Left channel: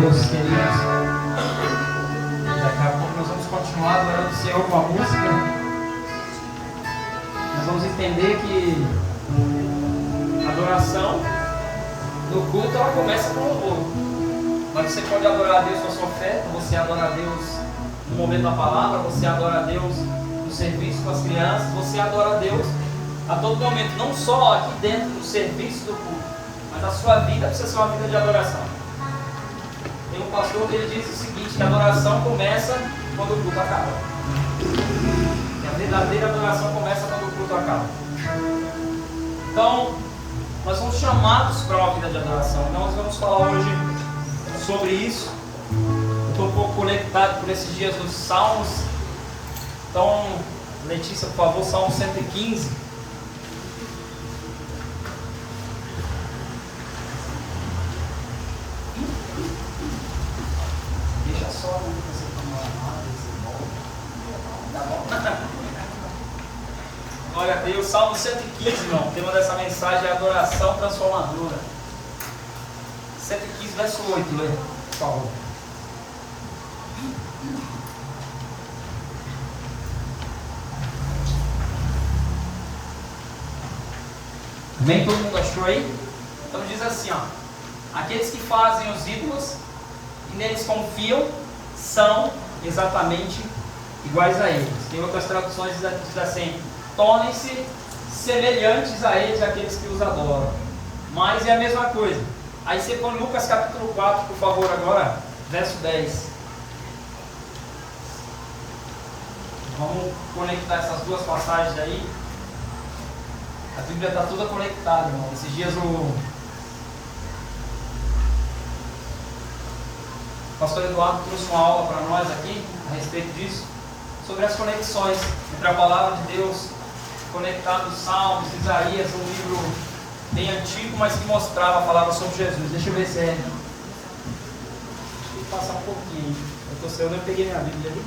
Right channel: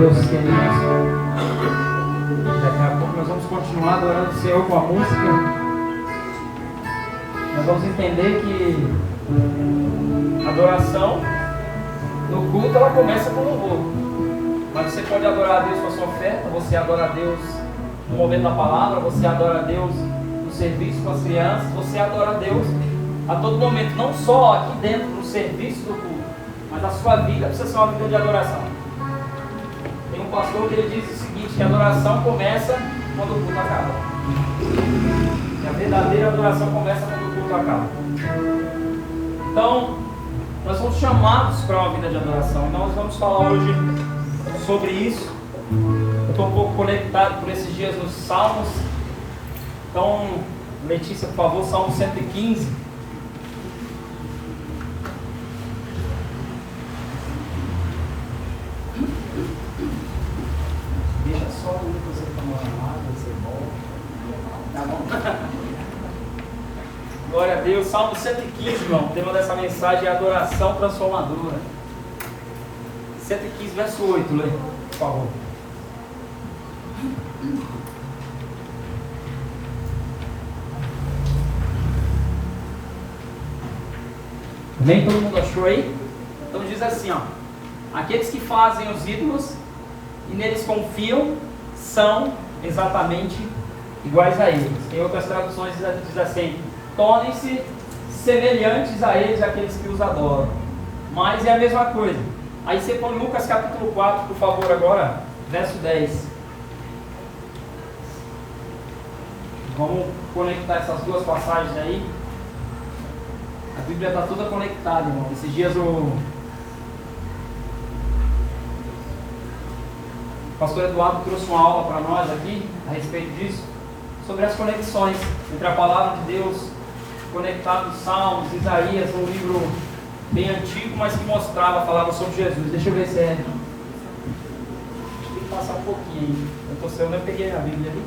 Deus, queridos, daqui a pouco nós vamos continuar adorando o Senhor com a música. Nós vamos entender que a adoração no culto ela começa com louvor, mas você pode adorar a Deus com a sua oferta, você adora a Deus no momento da palavra, você adora a Deus no serviço com as crianças, você adora a Deus a todo momento, não só aqui dentro do serviço do culto, mas a sua vida precisa ser uma vida de adoração. Tem um pastor que ele diz o seguinte, que a adoração começa quando o culto acaba. E a verdadeira adoração começa quando o culto acaba. Então, nós somos chamados para uma vida de adoração. Então nós vamos falar hoje sobre isso. Eu estou um pouco conectado por esses dias nos Salmos. Então, Letícia, por favor, Salmo 115. Deixa só o Lucas aí para uma chamada, você volta. Tá bom? Glória a Deus. Salmo 115, irmão. O tema dessa mensagem é adoração transformadora. 115, verso 8, lê, por favor. Nem todo mundo achou aí? Então diz assim, ó. Aqueles que fazem os ídolos e neles confiam são exatamente iguais a eles. Em outras traduções diz assim: tornem-se semelhantes a eles, aqueles que os adoram. Mas é a mesma coisa. Aí você põe Lucas capítulo 4, por favor, agora, verso 10. Vamos conectar essas duas passagens aí. A Bíblia está toda conectada, irmão. Esses dias o pastor Eduardo trouxe uma aula para nós aqui a respeito disso, sobre as conexões entre a palavra de Deus, conectado nos Salmos, Isaías, um livro bem antigo, mas que mostrava, falava sobre Jesus. Deixa eu ver se é. Deixa eu passar um pouquinho. Eu peguei a Bíblia ali.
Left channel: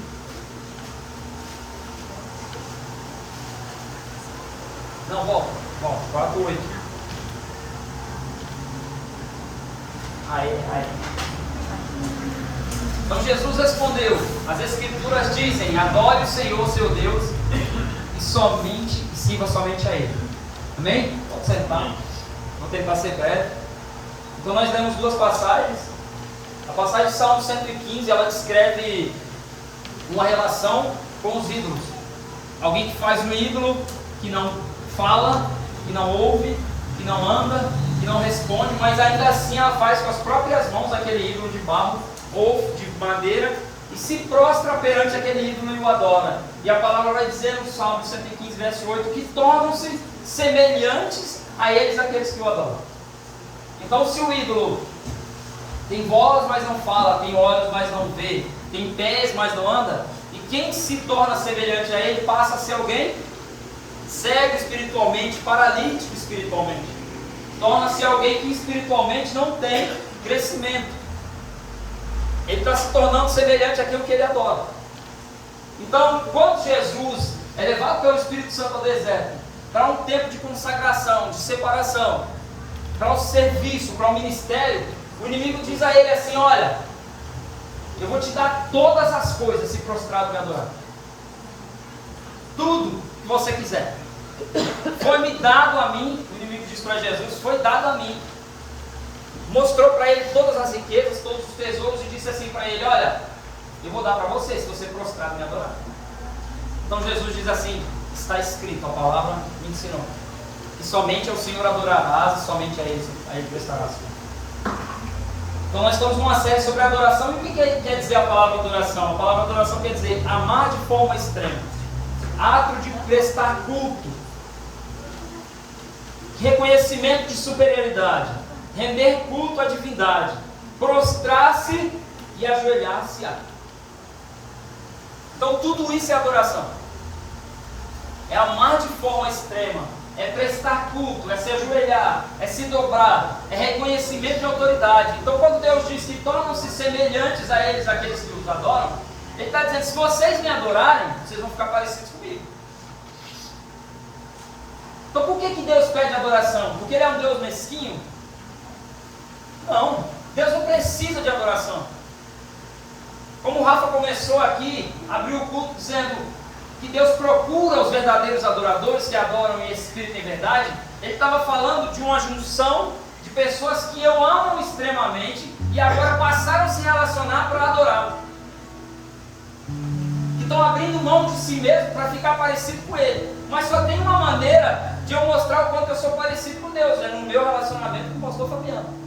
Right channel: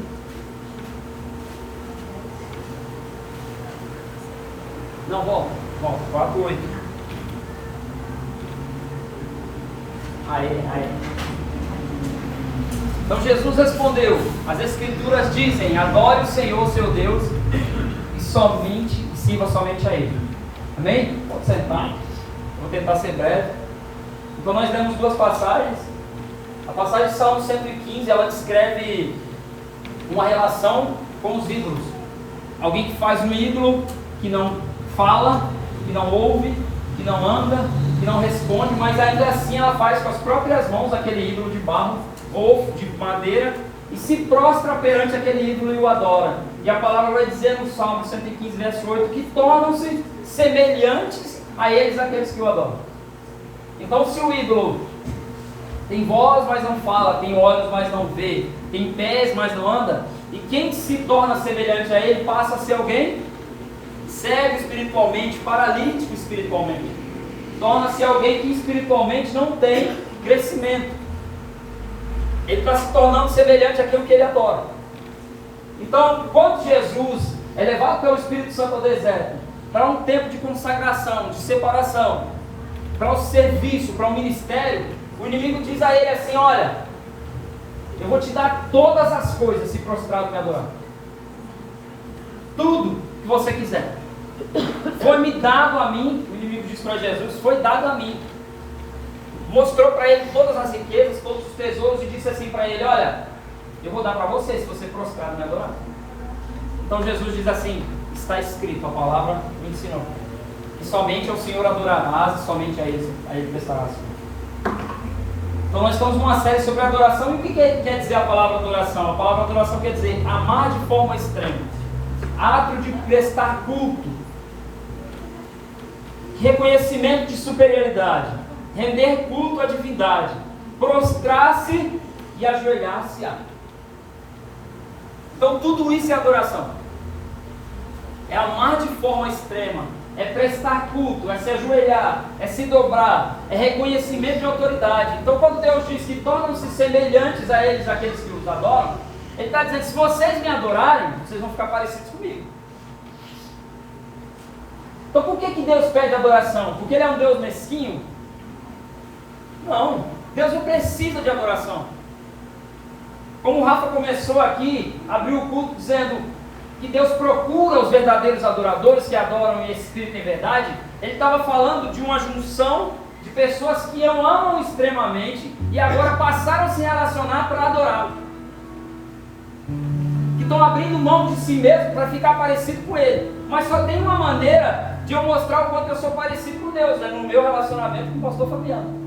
Não, volta, 4:8. Aí. Então Jesus respondeu: as Escrituras dizem, adore o Senhor seu Deus e sirva somente a Ele. Amém? Pode sentar. Vou tentar ser breve. Então nós lemos duas passagens. A passagem de Salmo 115, ela descreve uma relação com os ídolos. Alguém que faz um ídolo que não fala, que não ouve, que não anda, que não responde, mas ainda assim ela faz com as próprias mãos aquele ídolo de barro ou de madeira e se prostra perante aquele ídolo e o adora. E a palavra vai dizer no Salmo 115, verso 8, que tornam-se semelhantes a eles, aqueles que o adoram. Então, se o ídolo tem voz, mas não fala, tem olhos, mas não vê, tem pés, mas não anda, e quem se torna semelhante a ele passa a ser alguém cego espiritualmente, paralítico espiritualmente. Torna-se alguém que espiritualmente não tem crescimento. Ele está se tornando semelhante àquilo que ele adora. Então, quando Jesus é levado pelo Espírito Santo ao deserto, para um tempo de consagração, de separação, para um serviço, para um ministério, o inimigo diz a ele assim: olha, eu vou te dar todas as coisas se prostrado me adorar. Tudo que você quiser. Foi-me dado a mim, o inimigo diz para Jesus, foi dado a mim. Mostrou para ele todas as riquezas, todos os tesouros e disse assim para ele: olha, eu vou dar para você se você prostrar e me adorar. Então Jesus diz assim: está escrito, a palavra me ensinou, que somente ao Senhor adorarás e somente a Ele prestarás. Então nós estamos numa série sobre adoração. E o que quer dizer a palavra adoração? A palavra adoração quer dizer amar de forma extrema, ato de prestar culto, reconhecimento de superioridade, render culto à divindade, prostrar-se e ajoelhar-se a. Então tudo isso é adoração. É amar de forma extrema, é prestar culto, é se ajoelhar, é se dobrar, é reconhecimento de autoridade. Então quando Deus diz que tornam-se semelhantes a eles, aqueles que os adoram, Ele está dizendo: se vocês me adorarem, vocês vão ficar parecidos comigo. Então por que Deus pede adoração? Porque Ele é um Deus mesquinho? Não. Deus não precisa de adoração. Como o Rafa começou aqui, abriu o culto dizendo que Deus procura os verdadeiros adoradores que adoram em espírito e em verdade. Ele estava falando de uma junção de pessoas que o amam extremamente e agora passaram a se relacionar para adorá-lo. Que estão abrindo mão de si mesmo para ficar parecido com ele. Mas só tem uma maneira de eu mostrar o quanto eu sou parecido com Deus, é no meu relacionamento com o pastor Fabiano.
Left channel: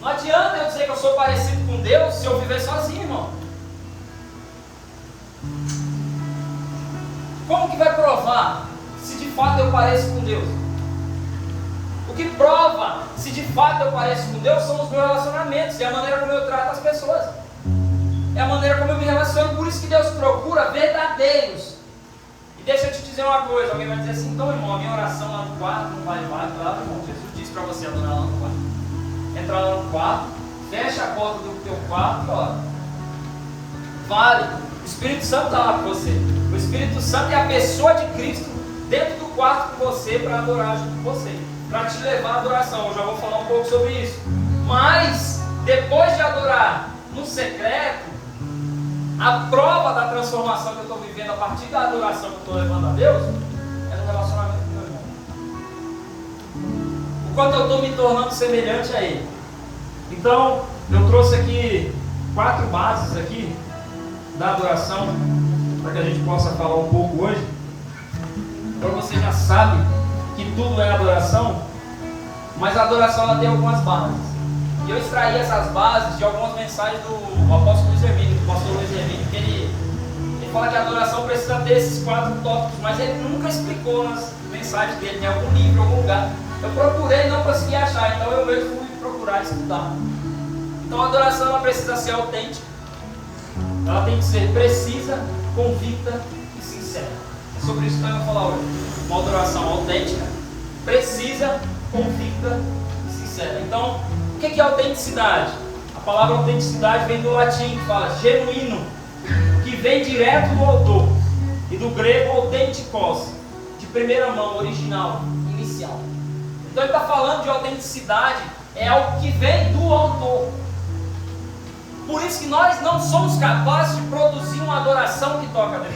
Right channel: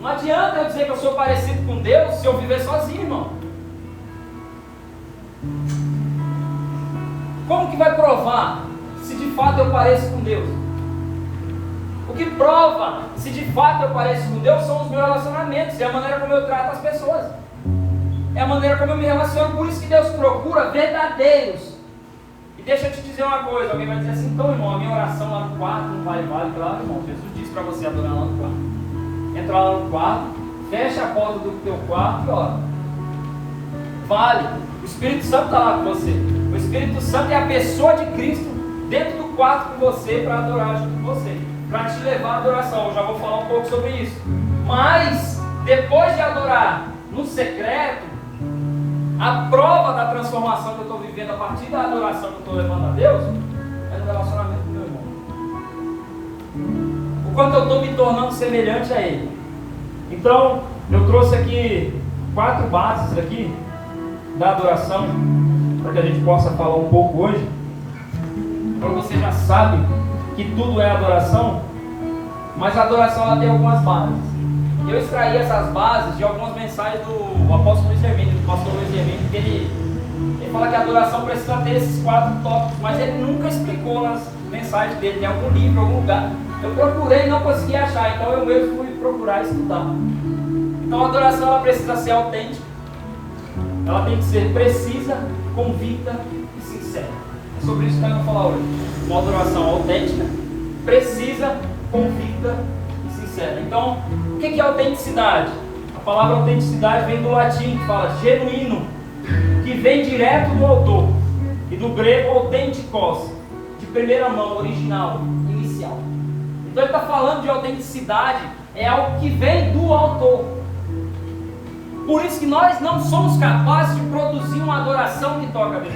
Não adianta eu dizer que eu sou parecido com Deus se eu viver sozinho, irmão. Como que vai provar se de fato eu pareço com Deus? O que prova se de fato eu pareço com Deus são os meus relacionamentos, é a maneira como eu trato as pessoas, é a maneira como eu me relaciono. Por isso que Deus procura verdadeiros. E deixa eu te dizer uma coisa, alguém vai dizer assim: então, irmão, a minha oração lá no quarto não vale, claro, irmão, Jesus disse para você adorar lá no quarto. Entra lá no quarto, fecha a porta do teu quarto e ora. Vale, o Espírito Santo está lá com você. O Espírito Santo é a pessoa de Cristo dentro do quarto com você para adorar junto com você, para te levar à adoração. Eu já vou falar um pouco sobre isso. Mas, depois de adorar no secreto, a prova da transformação que eu estou vivendo a partir da adoração que eu estou levando a Deus é no relacionamento com meu irmão. O quanto eu estou me tornando semelhante a Ele. Então, eu trouxe aqui 4 bases aqui da adoração, para que a gente possa falar um pouco hoje. Então você já sabe que tudo é adoração, mas a adoração ela tem algumas bases. E eu extraí essas bases de algumas mensagens do apóstolo Luiz Hermínio, do pastor Luiz Hermínio, que ele fala que a adoração precisa ter esses 4 tópicos, mas ele nunca explicou nas mensagens dele, em algum livro, em algum lugar. Eu procurei e não consegui achar, então eu mesmo fui procurar estudar. Então a adoração ela precisa ser autêntica, ela tem que ser precisa, convicta e sincera. É sobre isso que eu vou falar hoje. Uma adoração autêntica, precisa, convicta e sincera. Então, o que é autenticidade? A palavra autenticidade vem do latim, que fala genuíno, que vem direto do autor, e do grego authentikos, de primeira mão, original, inicial. Então ele está falando de autenticidade, é algo que vem do autor. Por isso que nós não somos capazes de produzir uma adoração que toca a Deus.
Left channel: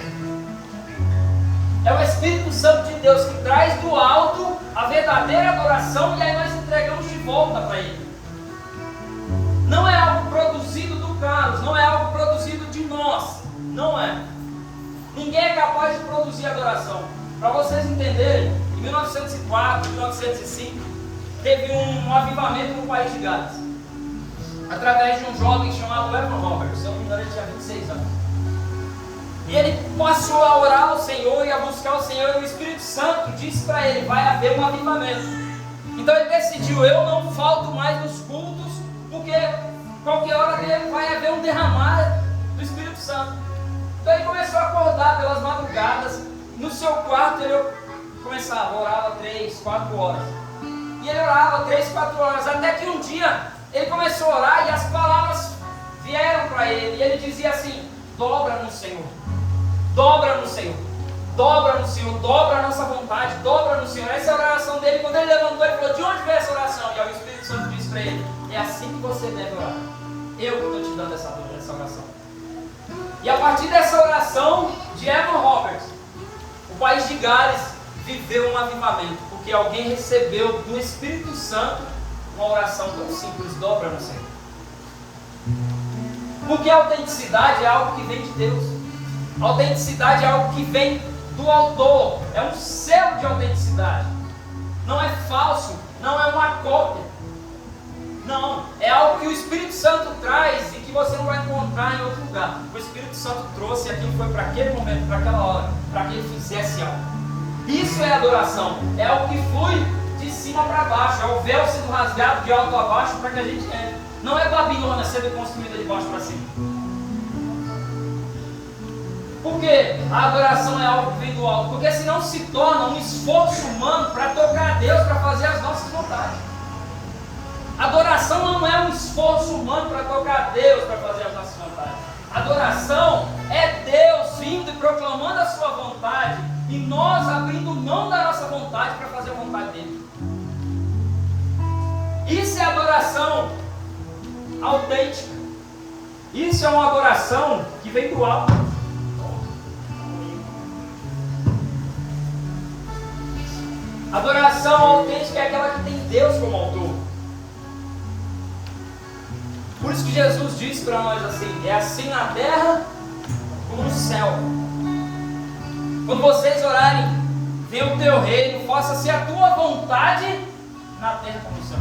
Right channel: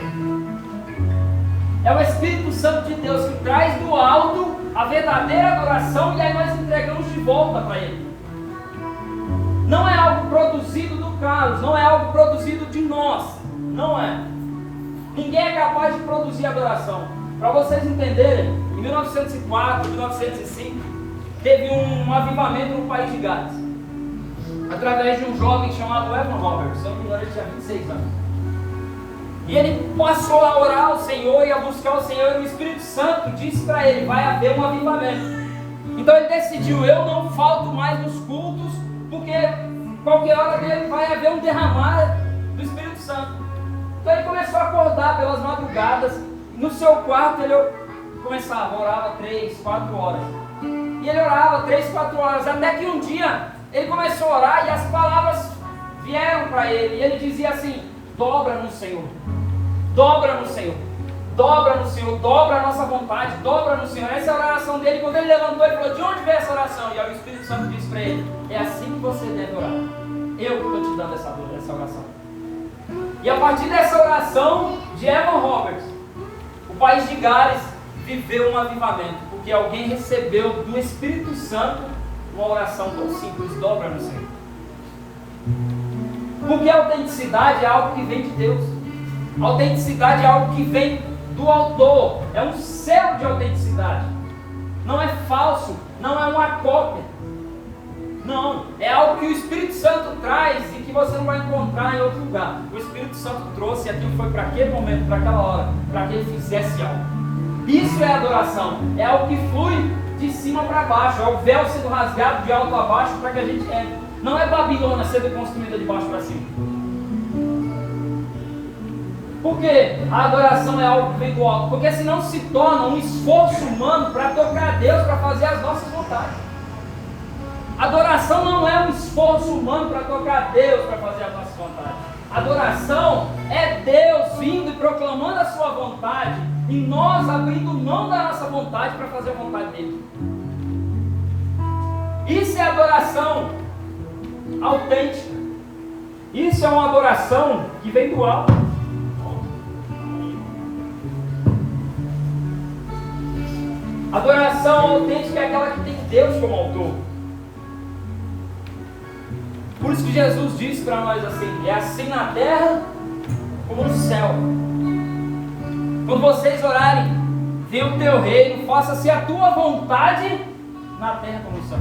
É o Espírito Santo de Deus que traz do alto a verdadeira adoração e aí nós entregamos de volta para Ele. Não é algo produzido do Carlos, não é algo produzido de nós, não é. Ninguém é capaz de produzir adoração. Para vocês entenderem, em 1904, 1905, teve um avivamento no país de Gales, através de um jovem chamado Evan Roberts. Se eu não me engano, ele tinha 26 anos. E ele passou a orar ao Senhor e a buscar o Senhor, e o Espírito Santo disse para ele: vai haver um avivamento. Então ele decidiu: eu não falto mais nos cultos, porque qualquer hora dele vai haver um derramar do Espírito Santo. Então ele começou a acordar pelas madrugadas, no seu quarto ele começava, orava 3, 4 horas. E ele orava 3, 4 horas, até que um dia ele começou a orar e as palavras vieram para ele, e ele dizia assim: dobra no Senhor, dobra no Senhor, dobra no Senhor, dobra a nossa vontade, dobra no Senhor. Essa é a oração dele. Quando ele levantou, ele falou: de onde veio essa oração? E aí o Espírito Santo disse para ele: é assim que você deve orar, eu que estou te dando essa oração. E a partir dessa oração de Evan Roberts, o país de Gales viveu um avivamento, porque alguém recebeu do Espírito Santo uma oração tão simples: dobra no Senhor. Porque a autenticidade é algo que vem de Deus. A autenticidade é algo que vem do autor. É um selo de autenticidade. Não é falso, não é uma cópia. Não, é algo que o Espírito Santo traz e que você não vai encontrar em outro lugar. O Espírito Santo trouxe, aquilo foi para aquele momento, para aquela hora, para que ele fizesse algo. Isso é adoração. É algo que flui de cima para baixo. É o véu sendo rasgado de alto a baixo para que a gente entre. Não é Babilônia sendo construída de baixo para cima. Porque a adoração é algo que vem do alto. Porque senão se torna um esforço humano para tocar a Deus, para fazer as nossas vontades. Adoração não é um esforço humano para tocar a Deus, para fazer as nossas vontades. Adoração é Deus vindo e proclamando a sua vontade e nós abrindo mão da nossa vontade para fazer a vontade dele. Isso é adoração. autêntica. Isso é uma adoração que vem do alto. Adoração autêntica é aquela que tem Deus como autor. Por isso que Jesus disse para nós assim: é assim na terra como no céu. Quando vocês orarem, venha o teu reino, faça-se a tua vontade na terra como no céu.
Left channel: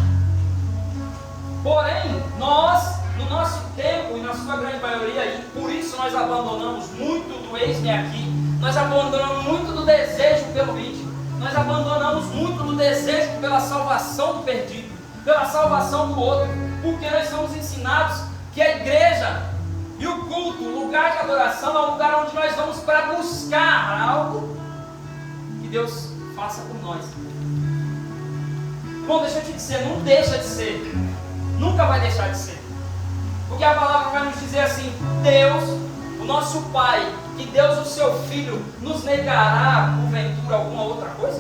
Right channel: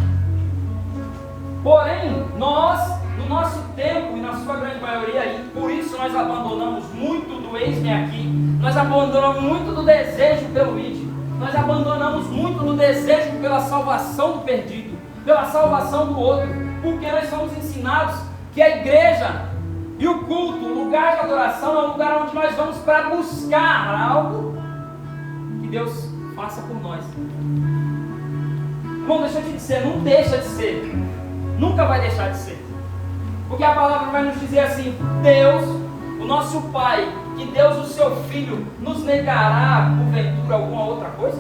Porém, nós, no nosso tempo e na sua grande maioria, e por isso nós abandonamos muito do eis-me aqui, nós abandonamos muito do desejo pelo vídeo, nós abandonamos muito do desejo pela salvação do perdido, pela salvação do outro, porque nós somos ensinados que a igreja e o culto, o lugar de adoração, é um lugar onde nós vamos para buscar algo que Deus faça por nós. Não deixa de ser, não deixa de ser, nunca vai deixar de ser, porque a palavra vai nos dizer assim: Deus, o nosso Pai, que Deus, o seu Filho, nos negará porventura alguma outra coisa?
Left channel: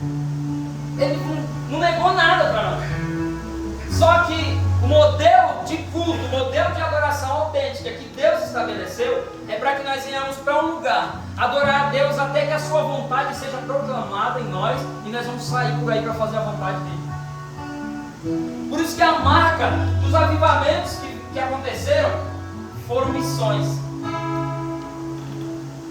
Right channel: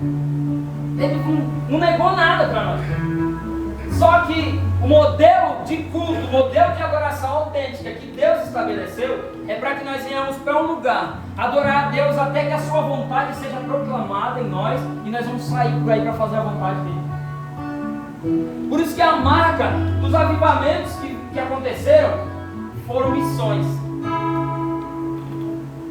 Ele não negou nada para nós. Só que o modelo de culto, o modelo de adoração autêntica que Deus estabeleceu é para que nós venhamos para um lugar, adorar a Deus até que a sua vontade seja proclamada em nós, e nós vamos sair por aí para fazer a vontade dele. Por isso que a marca dos avivamentos que aconteceram foram missões.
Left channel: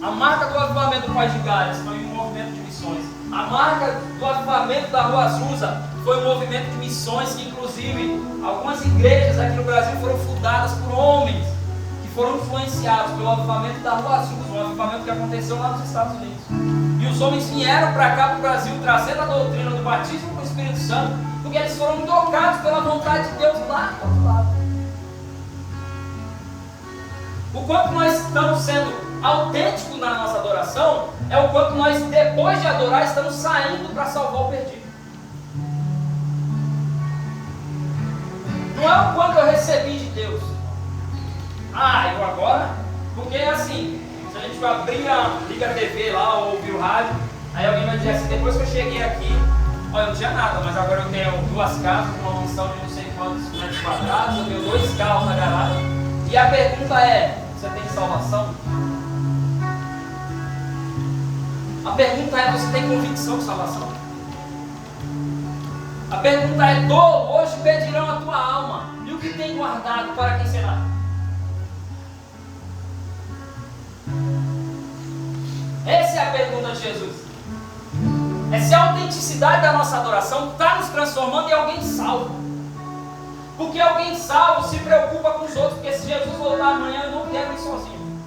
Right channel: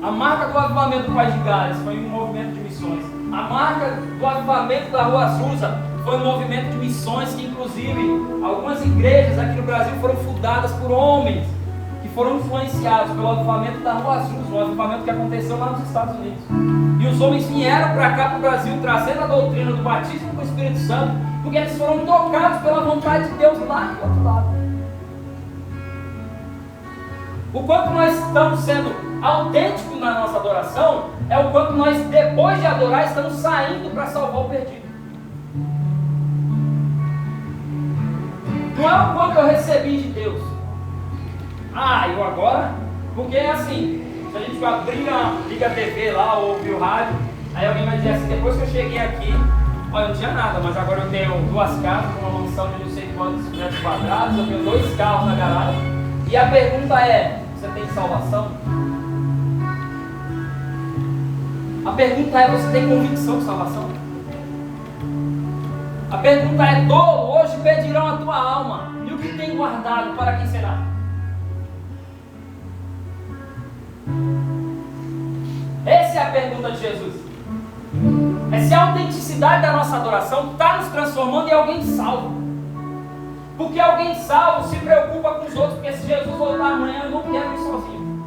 A marca do avivamento do País de Gales foi um movimento de missões. A marca do avivamento da Rua Azusa foi um movimento de missões que, inclusive, algumas igrejas aqui no Brasil foram fundadas por homens que foram influenciados pelo avivamento da Rua Azusa, um avivamento que aconteceu lá nos Estados Unidos. E os homens vieram para cá, para o Brasil, trazendo a doutrina do batismo com o Espírito Santo, porque eles foram tocados pela vontade de Deus lá do outro lado. O quanto nós estamos sendo autênticos na nossa adoração é o quanto nós, depois de adorar, estamos saindo para salvar o perdido. Não é o quanto eu recebi de Deus. Eu agora... Porque assim, se a gente abrir, liga a TV lá ou ouvir o rádio, aí alguém vai dizer assim: depois que eu cheguei aqui, olha, eu não tinha nada, mas agora eu tenho 2 casas com uma mansão de não sei quantos metros quadrados, eu tenho 2 carros na garagem. E a pergunta é: você tem salvação? A pergunta é: você tem convicção de salvação? A pergunta é: dolo, hoje pedirão a tua alma, e o que tem guardado, para quem será? Essa é a pergunta de Jesus. É se a autenticidade da nossa adoração está nos transformando em alguém salvo. Porque alguém salvo se preocupa com os outros, porque se Jesus voltar amanhã, eu não quero ir sozinho.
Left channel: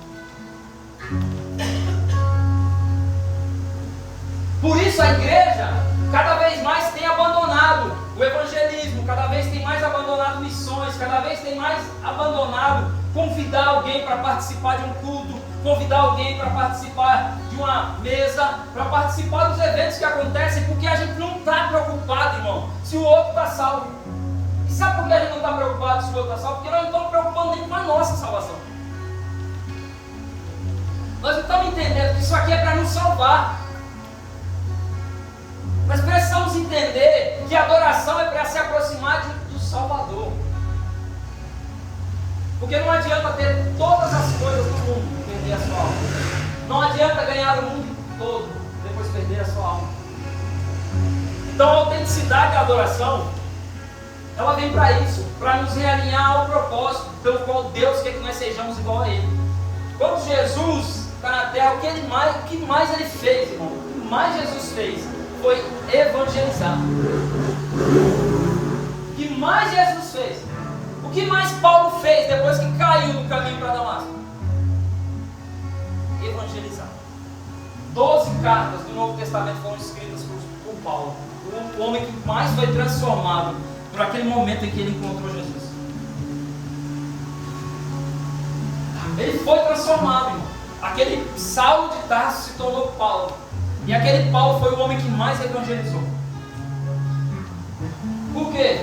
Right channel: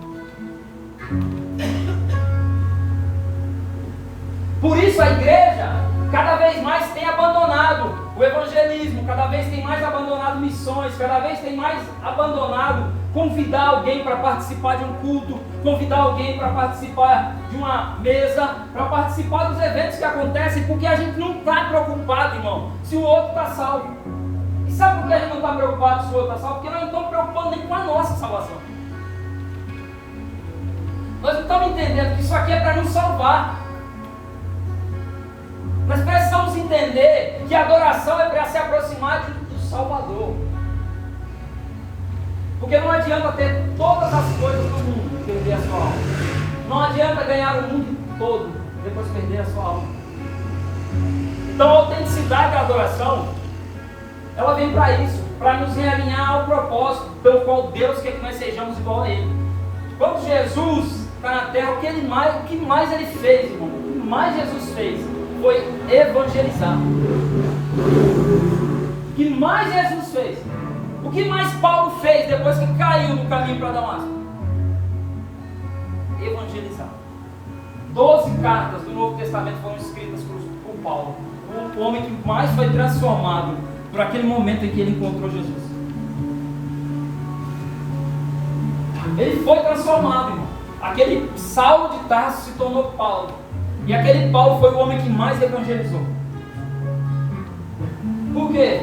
Por isso a igreja cada vez mais tem abandonado o evangelismo, cada vez tem mais abandonado missões, cada vez tem mais abandonado convidar alguém para participar de um culto, convidar alguém para participar de uma mesa, para participar dos eventos que acontecem, porque a gente não está preocupado, irmão, se o outro está salvo. E sabe por que a gente não está preocupado se o outro está salvo? Porque nós não estamos preocupados nem com a nossa salvação. Nós não estamos entendendo que isso aqui é para nos salvar. Nós precisamos entender que a adoração é para se aproximar do Salvador. Porque não adianta ter todas as coisas do mundo e perder a sua alma. Não adianta ganhar o mundo todo e depois perder a sua alma. Então a autenticidade da adoração, ela vem para isso, para nos realinhar ao propósito pelo qual Deus quer que nós sejamos igual a Ele. Quando Jesus está na terra, o que mais Ele fez, irmão? O que mais Jesus fez foi evangelizar. O que mais Jesus fez? O que mais Paulo fez depois que caiu no caminho para Damasco? Evangelizar. 12 cartas do Novo Testamento foram escritas por Paulo, o homem que mais foi transformado por aquele momento em que ele encontrou Jesus. Ele foi transformado, irmão. Aquele Saulo de Tarso se tornou Paulo. E aquele Paulo foi o homem que mais evangelizou. Por quê?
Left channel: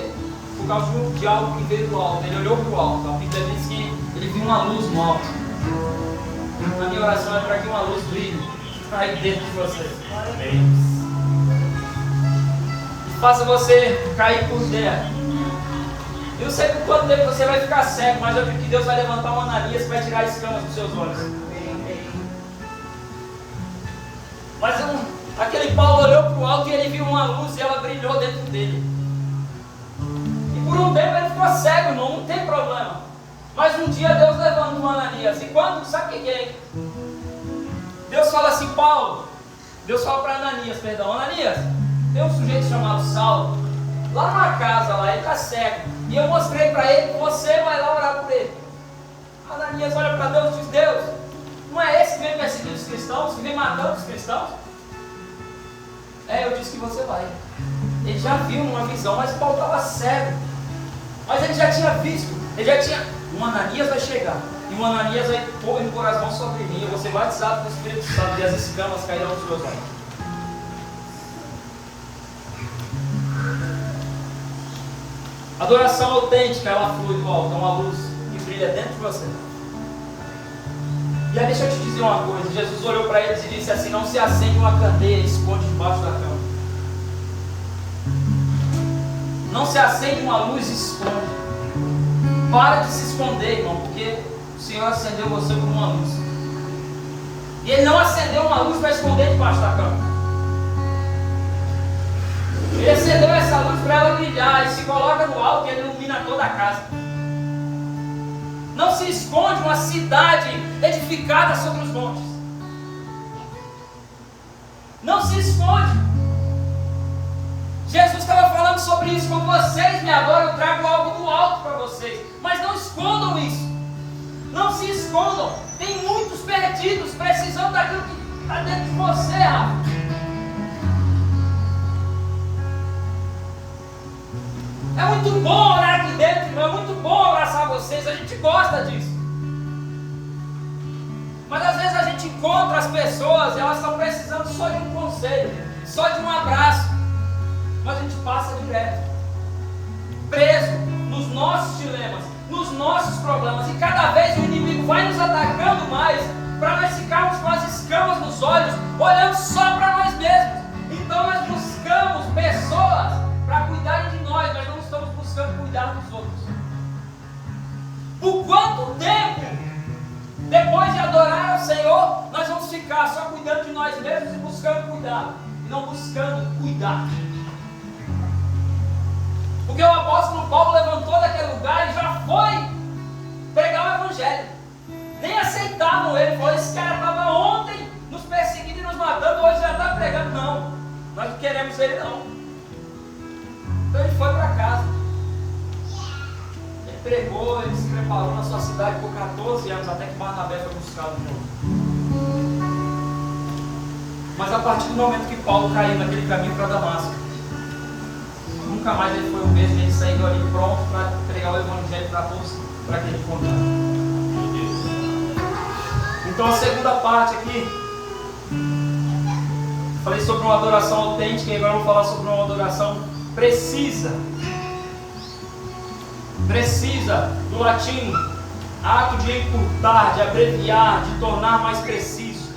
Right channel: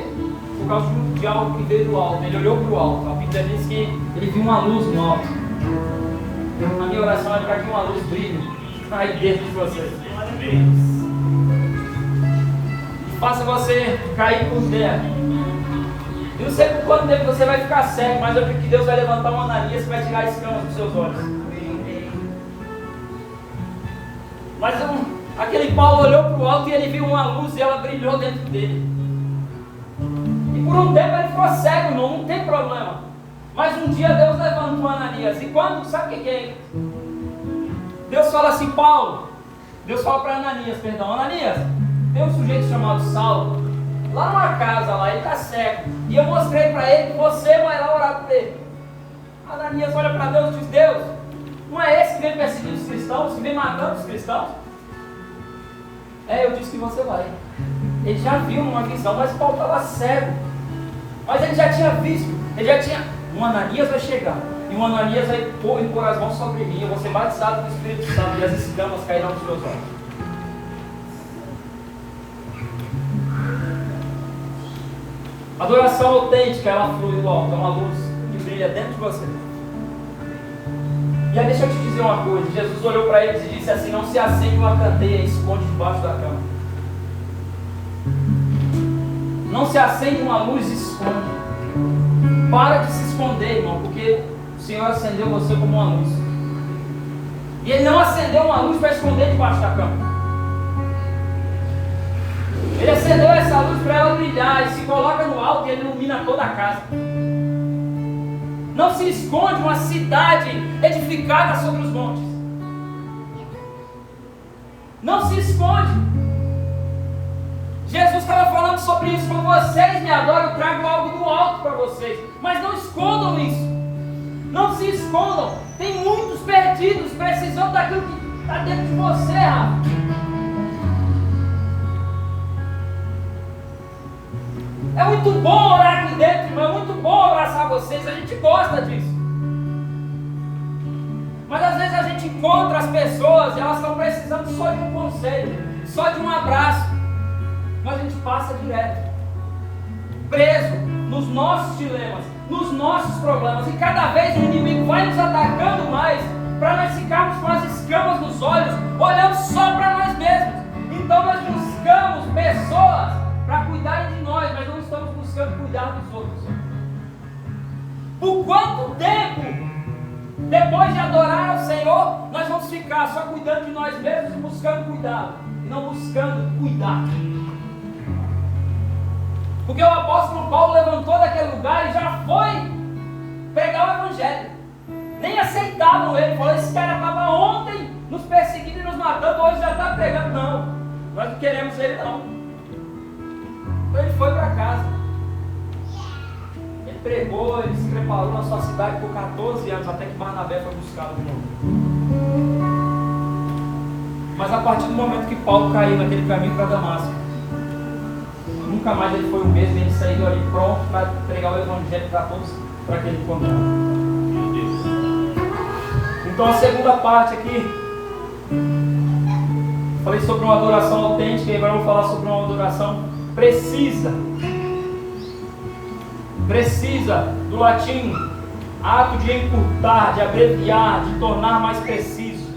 Por causa de algo que veio do alto. Ele olhou para o alto. A Bíblia diz que ele viu uma luz no alto. A minha oração é para que uma luz brilhe aí dentro de você. E faça você cair por terra. Eu não sei por quanto tempo você vai ficar cego, mas eu acredito que Deus vai levantar uma Ananias para tirar as escamas dos seus olhos. Mas aquele Paulo olhou para o alto e ele viu uma luz e ela brilhou dentro dele. E por um tempo ele ficou cego, irmão, não tem problema. Mas um dia Deus levantou uma Ananias. E quando, sabe o que é? Deus fala assim, Paulo. Deus fala para Ananias, perdão, Ananias, tem um sujeito chamado Saulo, lá numa casa lá, ele está cego. E eu mostrei para ele que você vai lá orar por ele. Ananias olha para Deus e diz, Deus, não é esse que vem perseguindo os cristãos, que vem matando os cristãos? Eu disse que você vai. Ele já viu numa visão, mas Paulo estava cego. Mas ele já tinha visto, um Ananias vai chegar. E um Ananias vai impor as mãos sobre mim. Eu vou ser batizado com o Espírito Santo e as escamas cairão dos meus olhos. Adoração autêntica, ela flui igual, é uma luz que brilha dentro de você. E aí deixa eu te dizer uma coisa, Jesus olhou para eles e disse assim, não se acende uma candeia e esconde debaixo da cama. Não se acende uma luz e esconde. Para de se esconder, irmão, porque o Senhor acendeu você como uma luz. E Ele não acendeu uma luz para esconder debaixo da cama. Ele acendeu essa luz para ela brilhar e se coloca no alto e Ele ilumina toda a casa. Não se esconde uma cidade edificada sobre os montes. Não se esconde. Jesus estava falando sobre isso. Quando vocês me adoram, eu trago algo do alto para vocês. Mas não escondam isso. Não se escondam. Tem muitos perdidos precisando daquilo que está dentro de você, Rafa. É muito bom orar aqui dentro, irmão. É muito bom abraçar vocês. A gente gosta disso. Mas às vezes a gente encontra as pessoas e elas estão precisando só de um conselho, só de um abraço. Mas a gente passa direto, preso nos nossos dilemas, nos nossos problemas. E cada vez o inimigo vai nos atacando mais, para nós ficarmos com as escamas nos olhos, olhando só para nós mesmos. Então nós buscamos pessoas para cuidarem de nós, mas não estamos buscando cuidar dos outros. Por quanto tempo, depois de adorar ao Senhor, nós vamos ficar só cuidando de nós mesmos e buscando cuidado, e não buscando cuidar? Porque o apóstolo Paulo levantou daquele lugar e já foi pregar o evangelho. Nem aceitavam ele. Falou, esse cara estava ontem nos perseguindo e nos matando, hoje já está pregando. Não, nós não queremos ele não. Então ele foi para casa. Ele pregou, ele se preparou na sua cidade por 14 anos, até que Barnabé foi buscado no mundo. Mas a partir do momento que Paulo caiu naquele caminho para Damasco, nunca mais ele foi o mesmo. Ele saiu ali pronto para pregar o evangelho para todos, para aquele encontrado. Então a segunda parte aqui, falei sobre uma adoração autêntica e agora eu vou falar sobre uma adoração precisa. Precisa, do latim, ato de encurtar, de abreviar, de tornar mais preciso.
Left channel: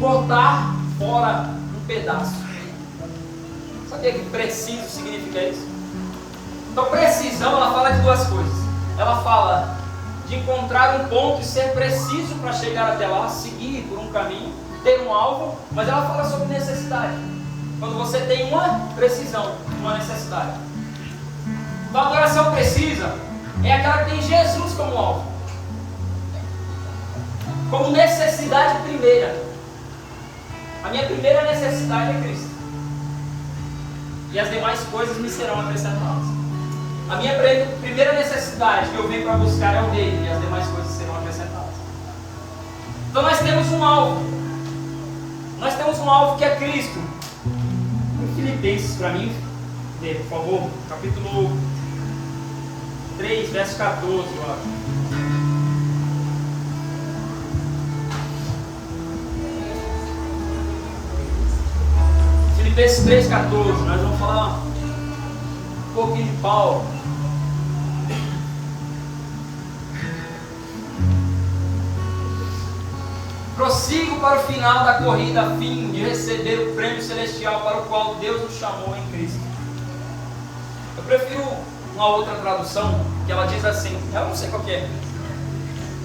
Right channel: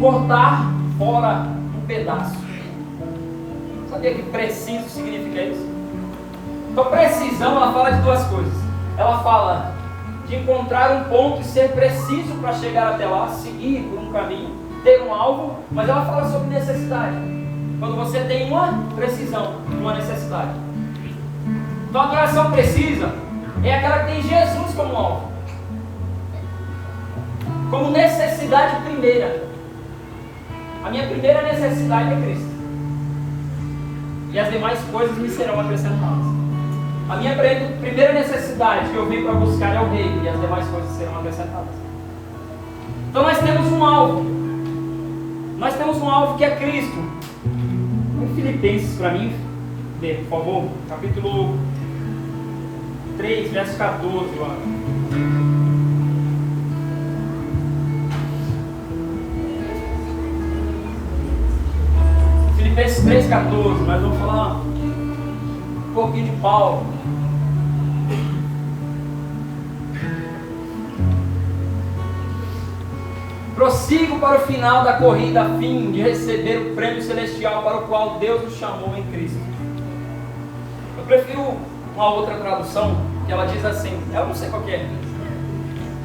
Cortar fora um pedaço. Sabia que preciso significa isso? Então precisão, ela fala de duas coisas. Ela fala de encontrar um ponto e ser preciso para chegar até lá, seguir por um caminho, ter um alvo, mas ela fala sobre necessidade. Quando você tem uma precisão, uma necessidade. Então a adoração precisa é aquela que tem Jesus como alvo, como necessidade primeira. A minha primeira necessidade é Cristo. E as demais coisas me serão acrescentadas. A minha primeira necessidade que eu venho para buscar é o Rei, e as demais coisas serão acrescentadas. Então nós temos um alvo. Nós temos um alvo que é Cristo. Em Filipenses, para mim, por favor, capítulo 3, verso 14, eu acho. Filipenses 3,14, nós vamos falar um pouquinho de Paulo. Prossigo para o final da corrida a fim de receber o prêmio celestial para o qual Deus nos chamou em Cristo. Eu prefiro uma outra tradução, que ela diz assim, eu não sei qual que é,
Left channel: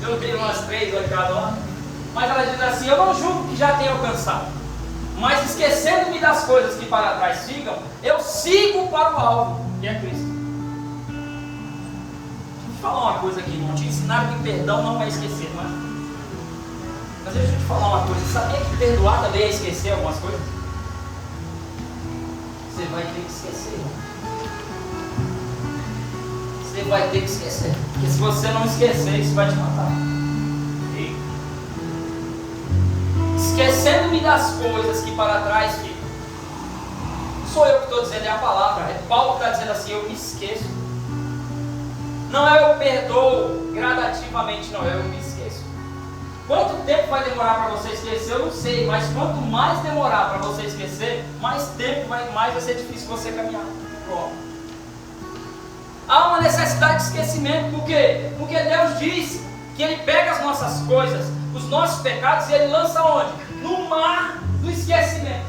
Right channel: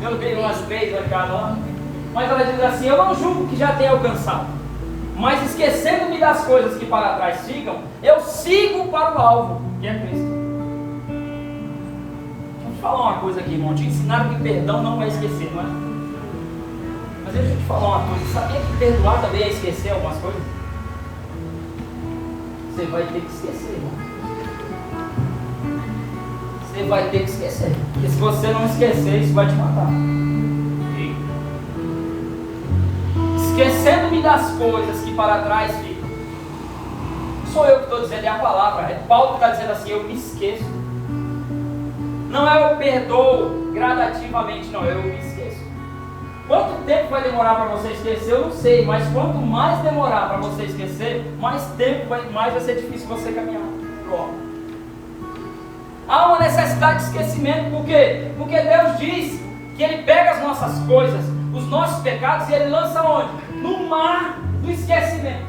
eu vi umas 3 aqui cada, mas ela diz assim: eu não julgo que já tenha alcançado, mas esquecendo-me das coisas que para trás ficam, eu sigo para o alvo, que é Cristo. Deixa eu te falar uma coisa aqui, irmão. Te ensinaram que perdão não é esquecer, não é? Mas deixa eu te falar uma coisa. Sabia que perdoar também é esquecer algumas coisas? Você vai ter que esquecer, irmão. Você vai ter que esquecer. Porque se você não esquecer, isso vai te matar. Esquecendo-me das coisas que para trás ficam. Sou eu que estou dizendo, é a palavra. É Paulo que está dizendo assim: eu me esqueço. Não é eu perdoo gradativamente, não, eu me esqueço. Quanto tempo vai demorar para você esquecer? Eu não sei, mas quanto mais demorar para você esquecer, mais vai ser difícil você caminhar. Pronto. Há uma necessidade de esquecimento, por quê? Porque Deus diz que Ele pega as nossas coisas, os nossos pecados, e Ele lança onde? No mar do esquecimento.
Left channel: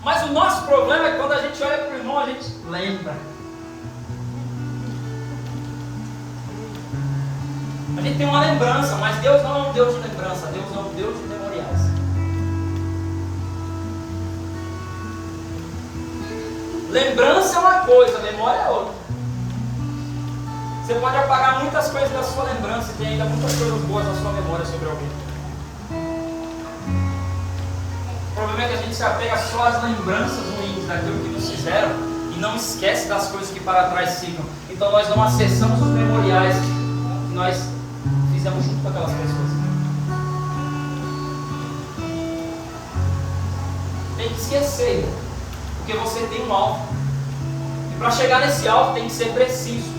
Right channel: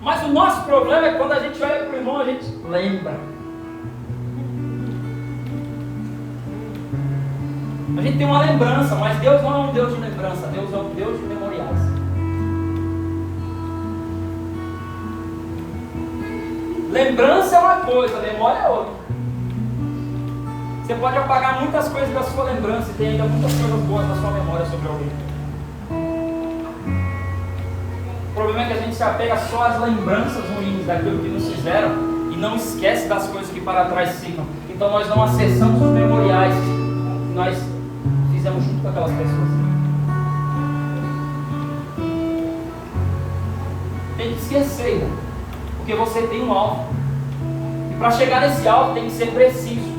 Mas o nosso problema é quando a gente olha para o irmão, a gente lembra. A gente tem uma lembrança, mas Deus não é um Deus de lembrança, Deus é um Deus de memoriais. Lembrança é uma coisa, memória é outra. Você pode apagar muitas coisas da sua lembrança e tem ainda muitas coisas boas na sua memória sobre alguém. O problema é que a gente se apega só às lembranças ruins daquilo que nos fizeram e não esquece das coisas que para trás ficam. Então nós não acessamos os memoriais que nós fizemos junto com aquelas pessoas. Tem que esquecer, irmão, porque você tem um alvo. E para chegar nesse alvo tem que ser preciso.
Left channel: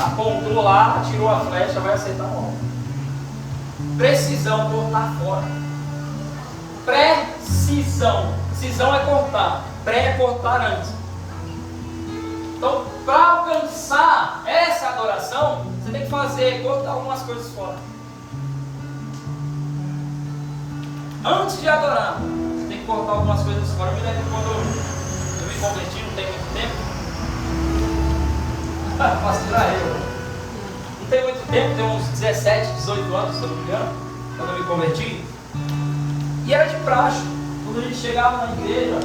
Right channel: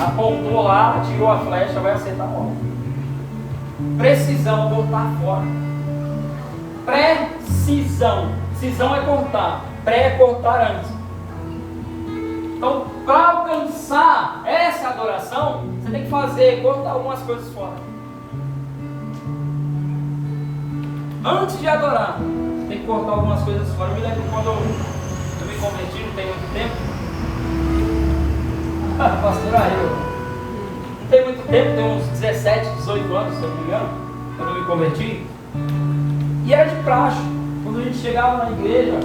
Apontou lá, tirou a flecha, vai acertar a mão. Precisão, cortar fora. Precisão. Cisão é cortar. Pré é cortar antes. Então, para alcançar essa adoração, você tem que cortar algumas coisas fora. Antes de adorar, você tem que cortar algumas coisas fora. Eu me lembro quando eu me converti, não tem muito tempo. Pastor Arreu. Não tem muito tempo, tem uns 17, 18 anos, se eu não me engano, quando eu me converti. E era de praxe. Quando a gente chegava na igreja,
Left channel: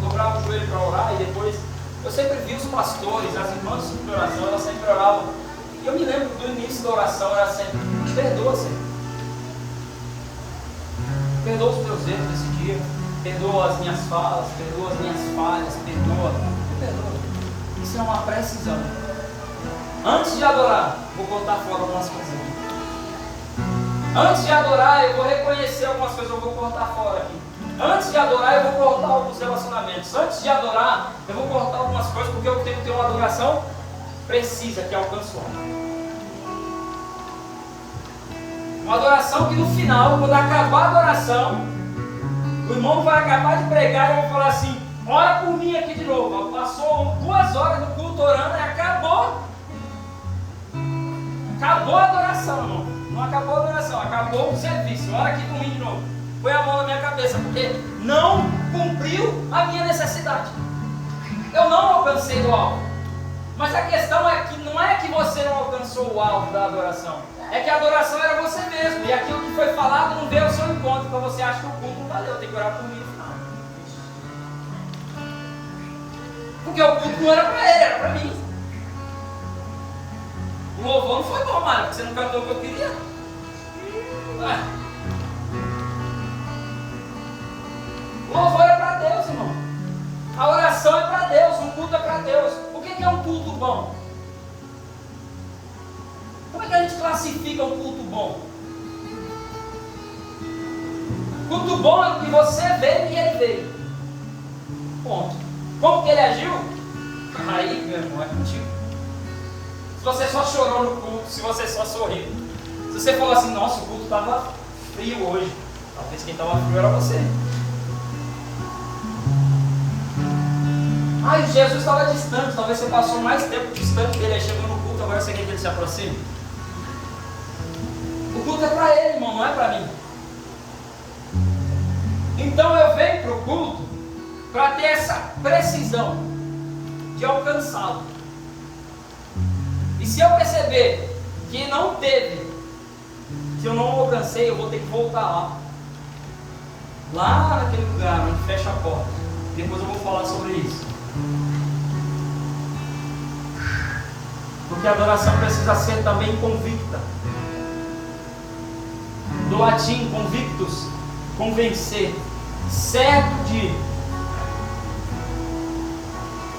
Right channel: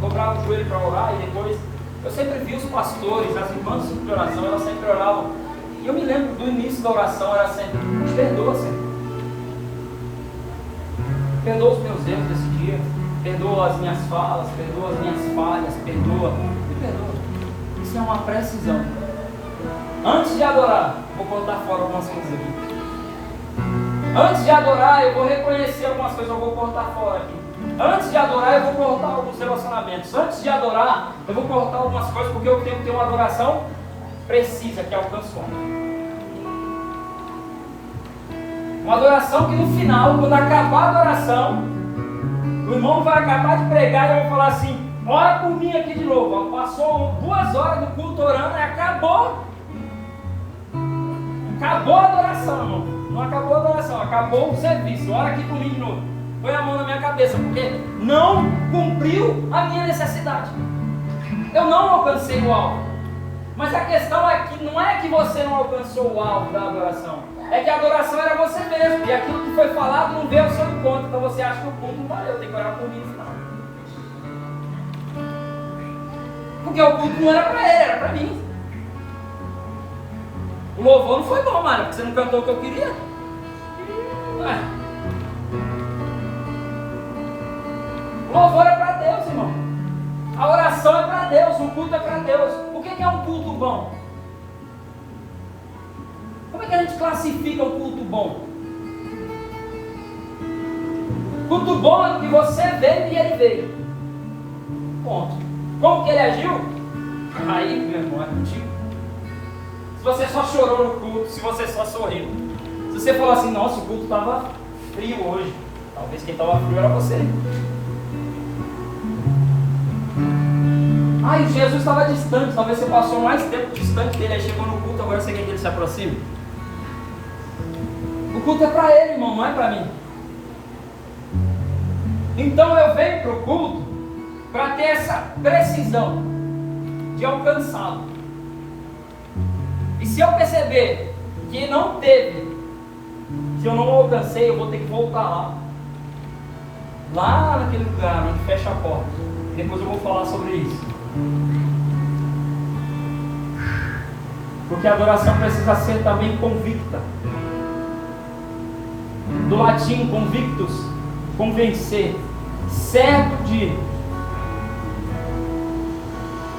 dobrava o joelho para orar e depois... Eu sempre vi os pastores, as irmãs de oração, elas sempre oravam. E eu me lembro do início da oração, era sempre: perdoa, Senhor. Perdoa os meus erros desse dia. Perdoa as minhas falas, perdoa as minhas falhas, perdoa. Me perdoa. Isso é uma precisão. Antes de adorar, vou contar fora algumas coisas aqui. Antes de adorar, eu vou reconhecer algumas coisas, eu vou cortar fora aqui. Antes de adorar, eu vou cortar alguns relacionamentos. Antes de adorar, eu vou cortar algumas coisas, porque eu tenho que ter uma adoração precisa, que alcance o alvo. Uma adoração que no final, quando acabar a adoração, o irmão vai acabar de pregar e eu vou falar assim: ora por mim aqui de novo. Passou 2 horas no culto orando e acabou. Acabou a adoração, irmão. Não acabou a adoração, acabou o serviço. Ora aqui por mim de novo. Põe a mão na minha cabeça, porque não cumpriu a minha necessidade. Eu não alcancei o alvo. Mas a questão é que não é que você não alcançou o alvo da adoração, é que a adoração era você mesmo, e aquilo que foi falado não veio ao seu encontro. Então você acha que o culto não valeu, tem que orar por mim no final. Porque o culto não era para ele, era para mim. O louvor não foi bom, Mário, porque você não cantou o que eu queria. O louvor é para Deus, irmão. A oração é para Deus, o culto é para Deus. O que é um culto bom? Como é que a gente classifica o culto bom? Culto bom é o que você veio e ele veio. Ponto. Como que ele agiu? Aí, meu irmão, é contigo. Se você só chorou no culto, se você só sorriu, se você falou assim: nossa, o culto estava frio hoje, talvez quem estava frio era você. Ai, Jesus estava distante, talvez você passou mais tempo distante dele, aí chegou no culto, agora você quer que ele se aproxime. O culto é para ele, irmão, não é para mim. Então eu venho para o culto para ter essa precisão de alcançá-lo. E se eu perceber que não teve, se eu não alcancei, eu vou ter que voltar lá naquele lugar onde fecha a porta. Depois eu vou falar sobre isso. Porque a adoração precisa ser também convicta. Do latim convictus, convencer, certo de.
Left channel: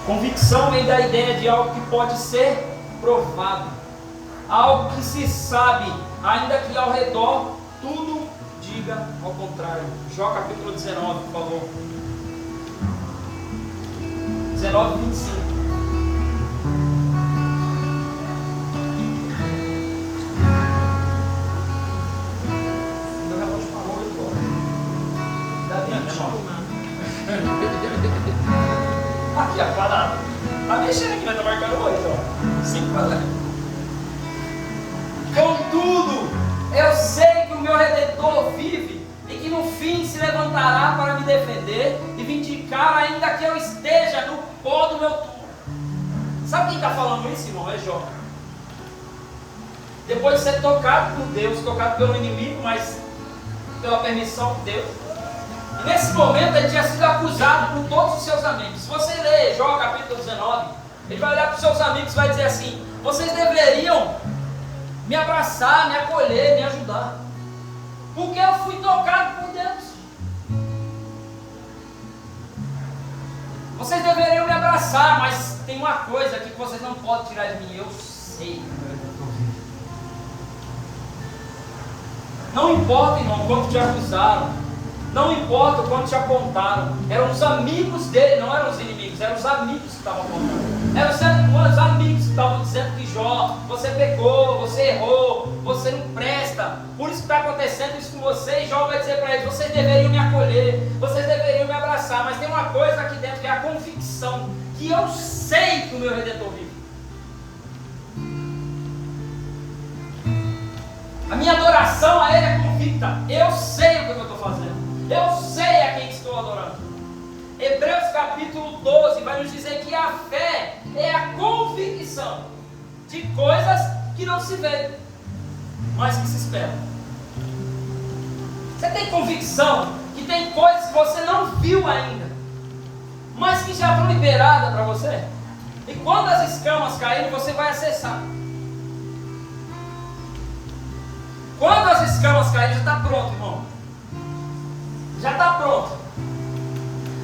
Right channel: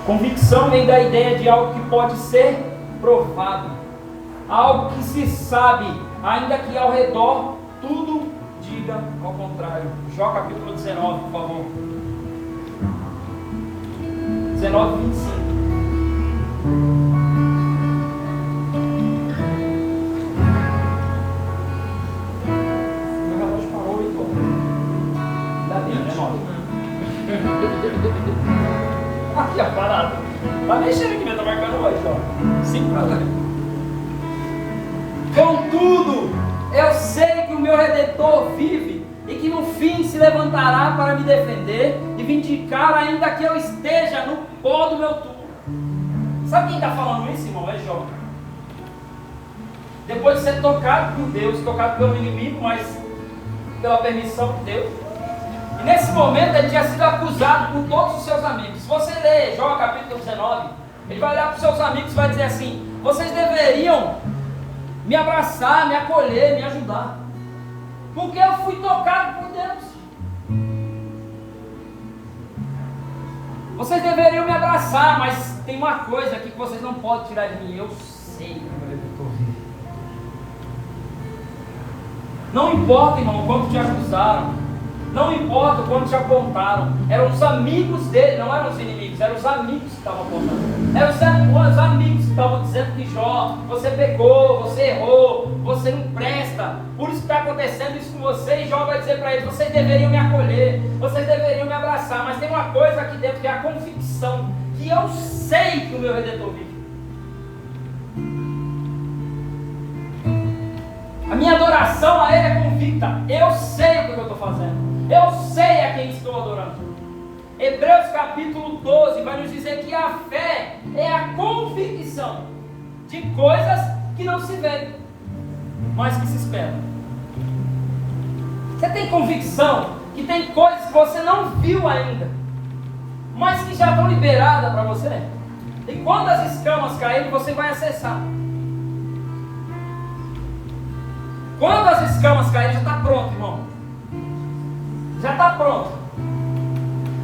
Convicção vem da ideia de algo que pode ser provado, algo que se sabe, ainda que ao redor tudo diga ao contrário. Jó capítulo 19, por favor. 19, 25. Meu relógio parou e ficou. Dá dentro, é nóis. Aqui a parada. Tá mexendo aqui, né? Tá marcando 8, ó. 5 para 10. Contudo, eu sei que o meu Redentor vive e que no fim se levantará para me defender e vindicar, ainda que eu esteja no pó do meu túmulo. Sabe quem está falando isso, irmão? É Jó. Depois de ser tocado por Deus, tocado pelo inimigo, mas pela permissão de Deus. E nesse momento ele tinha sido acusado por todos os seus amigos. Se você ler Jó capítulo 19, ele vai olhar para os seus amigos e vai dizer assim: vocês deveriam me abraçar, me acolher, me ajudar, porque eu fui tocado por Deus. Vocês deveriam me abraçar, mas tem uma coisa aqui que vocês não podem tirar de mim: eu sei. Não importa, irmão, quanto te acusaram. Não importa o quanto te apontaram. Eram os amigos dele, não eram os inimigos. Eram os amigos que estavam apontando. Eram os amigos que estavam dizendo que Jó, você pecou, você errou, você não presta. Por isso que está acontecendo isso com você. E Jó vai dizer para eles: vocês deveriam me acolher, vocês deveriam me abraçar. Mas tem uma coisa aqui dentro que é a convicção, que eu sei que o meu Redentor vive. A minha adoração a Ele é convicta. Eu sei o que eu estou fazendo. Eu sei a quem estou adorando. Hebreus capítulo 12 vai nos dizer que a fé é a convicção de coisas que não se veem, mas que se esperam. Você tem convicção que tem coisas que você não viu ainda, mas que já estão liberadas para você? E quando as escamas caírem, você vai acessar. Quando as escamas caírem, já está pronto, irmão. Já está pronto.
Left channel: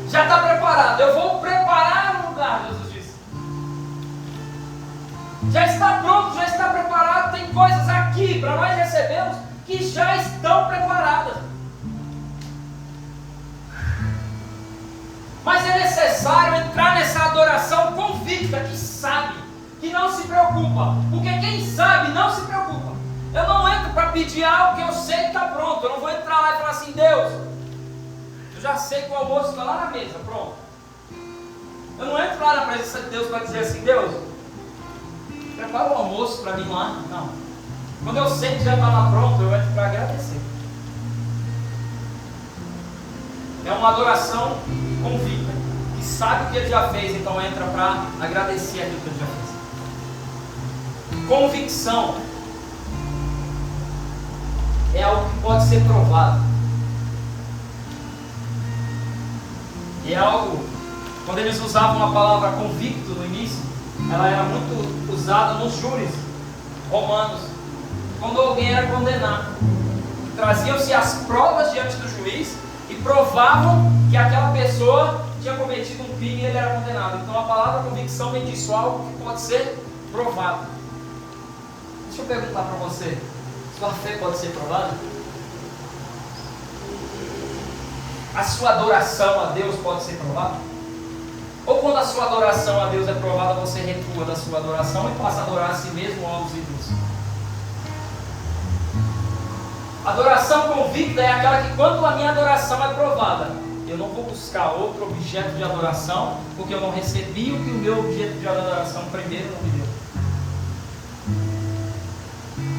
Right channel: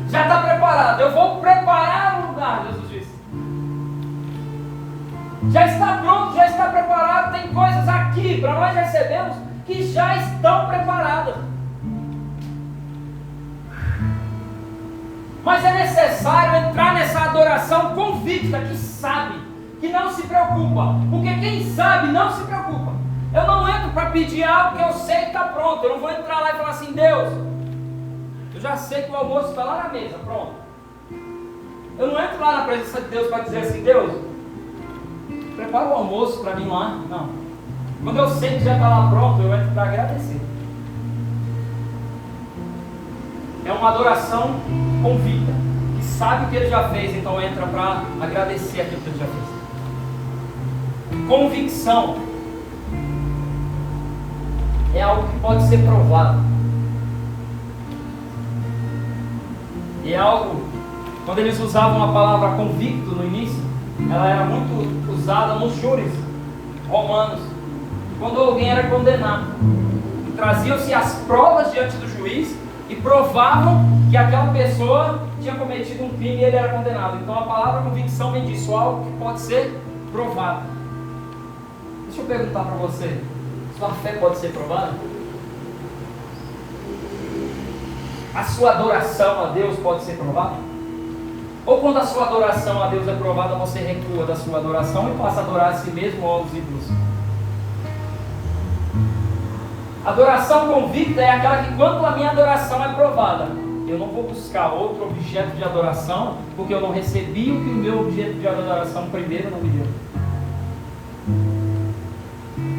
Já está preparado. Eu vou preparar o lugar, Jesus disse. Já está pronto, já está preparado. Tem coisas aqui para nós recebermos que já estão preparadas. Mas é necessário entrar nessa adoração convicta, que sabe, que não se preocupa. Porque quem sabe não se preocupa. Eu não entro para pedir algo que eu sei que está pronto. Eu não vou entrar lá e falar assim: Deus, eu já sei que o almoço está lá na mesa, pronto. Eu não entro lá na presença de Deus para dizer assim: Deus, prepara o almoço para mim lá. Não. Quando eu sei que já está lá pronto, eu entro para agradecer. É uma adoração convicta, que sabe o que Ele já fez, então entra para agradecer aquilo que Ele já fez. Convicção é algo que pode ser provado. E é algo, quando eles usavam a palavra convicto no início, ela era muito usada nos júris romanos, quando alguém era condenado. Traziam-se as provas diante do juiz e provavam que aquela pessoa tinha cometido um crime e ele era condenado. Então a palavra convicção vem disso, algo que pode ser provado. Deixa eu perguntar para você: sua fé pode ser provada? A sua adoração a Deus pode ser provada? Ou quando a sua adoração a Deus é provada, você recua da sua adoração e passa a adorar a si mesmo ou aos ídolos? Adoração convicta é aquela que, quando a minha adoração é provada, eu não vou buscar outro objeto de adoração, porque eu não recebi o que o meu objeto de adoração primeiro não me deu.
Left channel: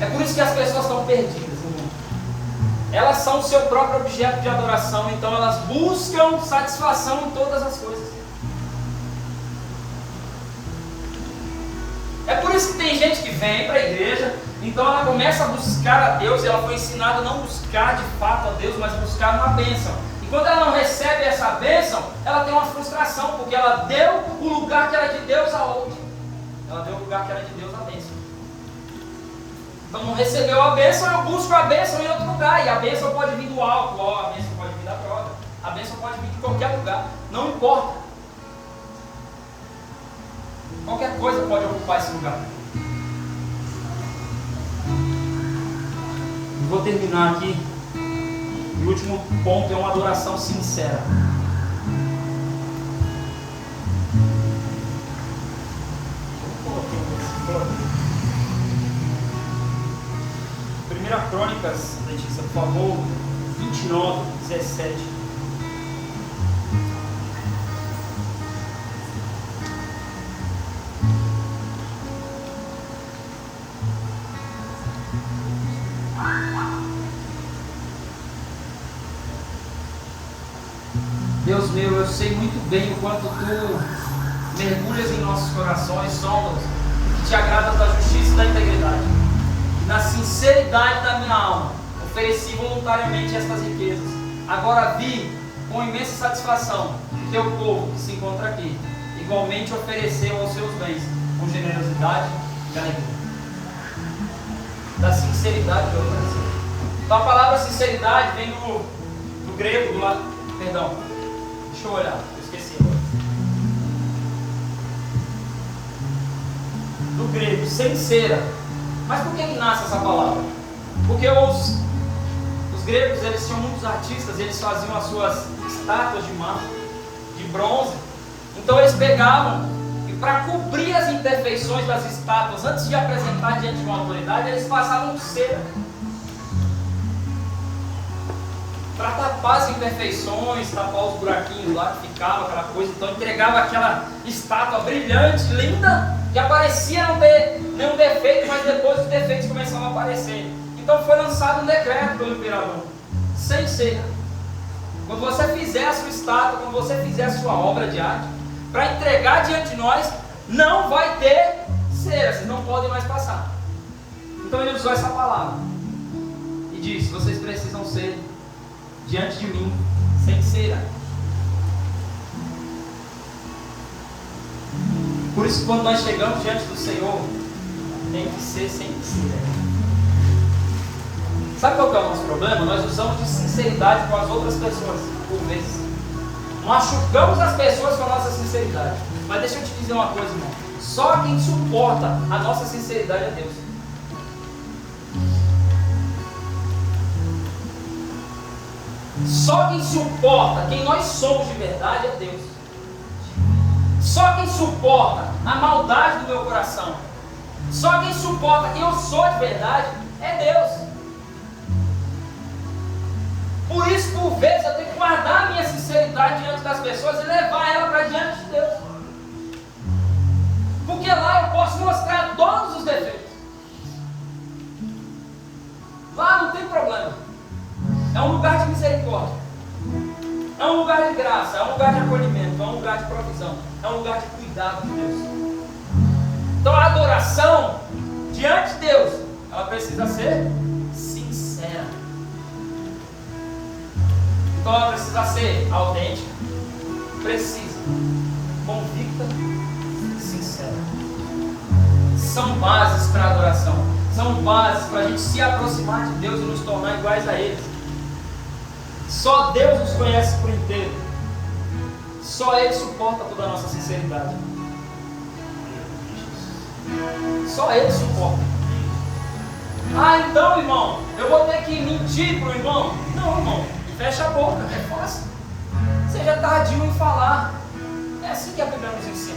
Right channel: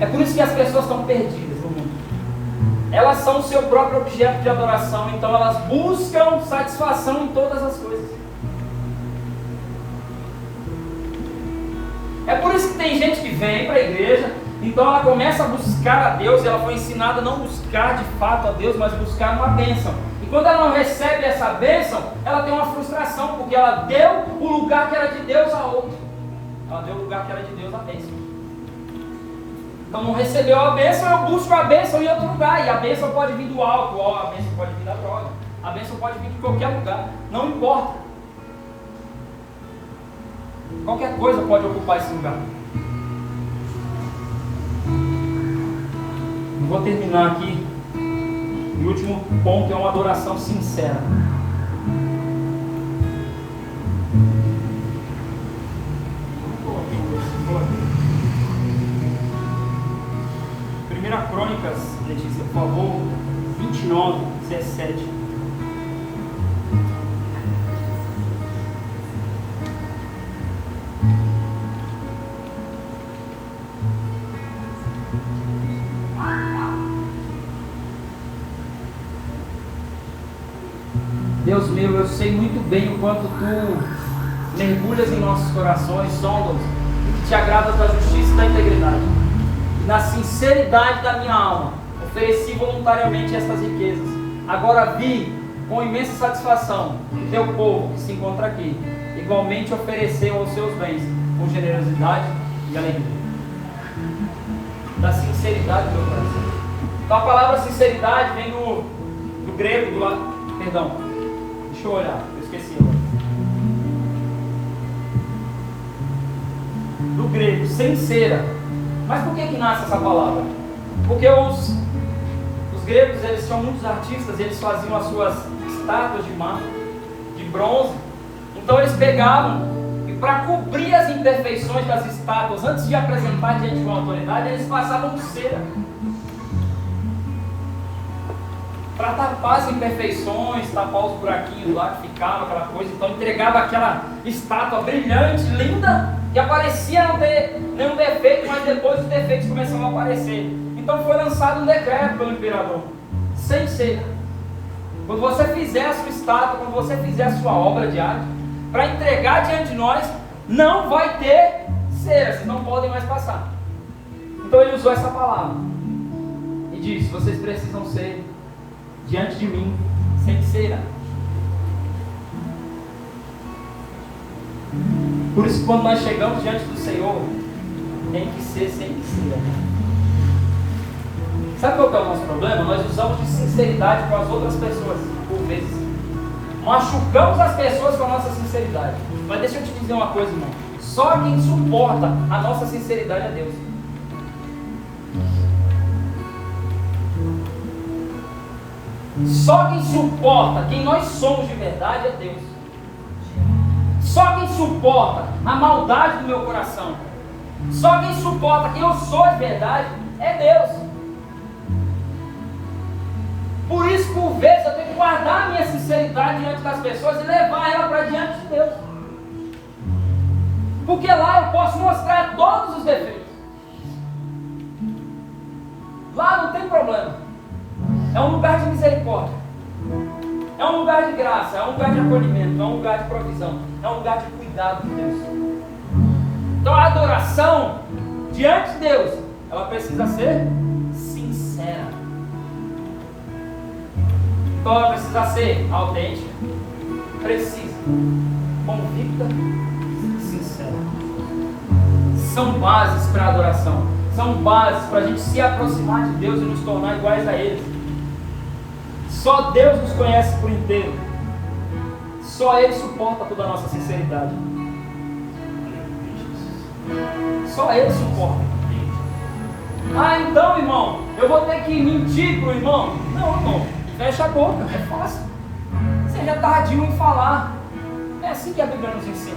É por isso que as pessoas estão perdidas no mundo. Elas são o seu próprio objeto de adoração, então elas buscam satisfação em todas as coisas. isso que tem gente que vem para a igreja, então ela começa a buscar a Deus, e ela foi ensinada a não buscar de fato a Deus, mas buscar uma bênção. E quando ela não recebe essa bênção, ela tem uma frustração, porque ela deu o lugar que era de Deus a outro. Ela deu o lugar que era de Deus a bênção. Então não recebeu a bênção, eu busco a bênção em outro lugar. E a bênção pode vir do álcool, a bênção pode vir da droga, a bênção pode vir de qualquer lugar, não importa. Qualquer coisa pode ocupar esse lugar. Eu vou terminar aqui. O último ponto é uma adoração sincera. Primeira Crônicas, Letícia, por favor, 29, 17. Deus meu, eu sei muito bem o quanto Tu mergulhas em nossos corações, sondas, o que Te agrada da justiça e da integridade. E na sinceridade da minha alma, ofereci voluntariamente estas riquezas. Agora vi com imensa satisfação que Teu povo que se encontra aqui, igualmente ofereceu os seus bens com generosidade e alegria. Da sinceridade do meu coração. Então, a palavra sinceridade vem do grego, perdão. Deixa eu olhar, eu esqueci agora. Do grego, sincera. Mas por que nasce essa palavra? Porque os gregos, eles tinham muitos artistas, eles faziam as suas estátuas de mármore, de bronze. Então eles pegavam, e para cobrir as imperfeições das estátuas, antes de apresentar diante de uma autoridade, eles passavam por cera. Para tapar as imperfeições, tapar os buraquinhos lá que ficava, aquela coisa. Então entregava aquela estátua brilhante, linda, que aparecia não ter nenhum defeito, mas depois os defeitos começaram a aparecer. Então foi lançado um decreto pelo imperador, sem cera. Quando você fizer a sua estátua, quando você fizer a sua obra de arte, para entregar diante de nós, não vai ter cera, vocês não podem mais passar. Então ele usou essa palavra e disse: vocês precisam ser diante de mim sem cera. Por isso, quando nós chegamos diante do Senhor, tem que ser sem cera. Sabe qual que é o nosso problema? Nós usamos de sinceridade com as outras pessoas, por vezes. Machucamos as pessoas com a nossa sinceridade. Mas deixa eu te dizer uma coisa, irmão. Só quem suporta a nossa sinceridade é Deus. Só quem suporta quem nós somos de verdade é Deus. Só quem suporta a maldade do meu coração, só quem suporta quem eu sou de verdade é Deus. Por isso, por vezes, eu tenho que guardar a minha sinceridade diante das pessoas e levar ela para diante de Deus. Porque lá eu posso mostrar todos os defeitos. Lá não tem problema. É um lugar de misericórdia, é um lugar de graça, é um lugar de acolhimento, é um lugar de provisão, é um lugar de cuidado de Deus. Então a adoração diante de Deus, ela precisa ser sincera. Então ela precisa ser autêntica, precisa, convicta, sincera. São bases para a adoração, são bases para a gente se aproximar de Deus e nos tornar iguais a Ele. Só Deus nos conhece por inteiro. Só Ele suporta toda a nossa sinceridade. Só Ele suporta. Ah, então, irmão, eu vou ter que mentir para o irmão? Não, irmão, fecha a boca, é fácil. Seja tardio em falar. É assim que a Bíblia nos ensina.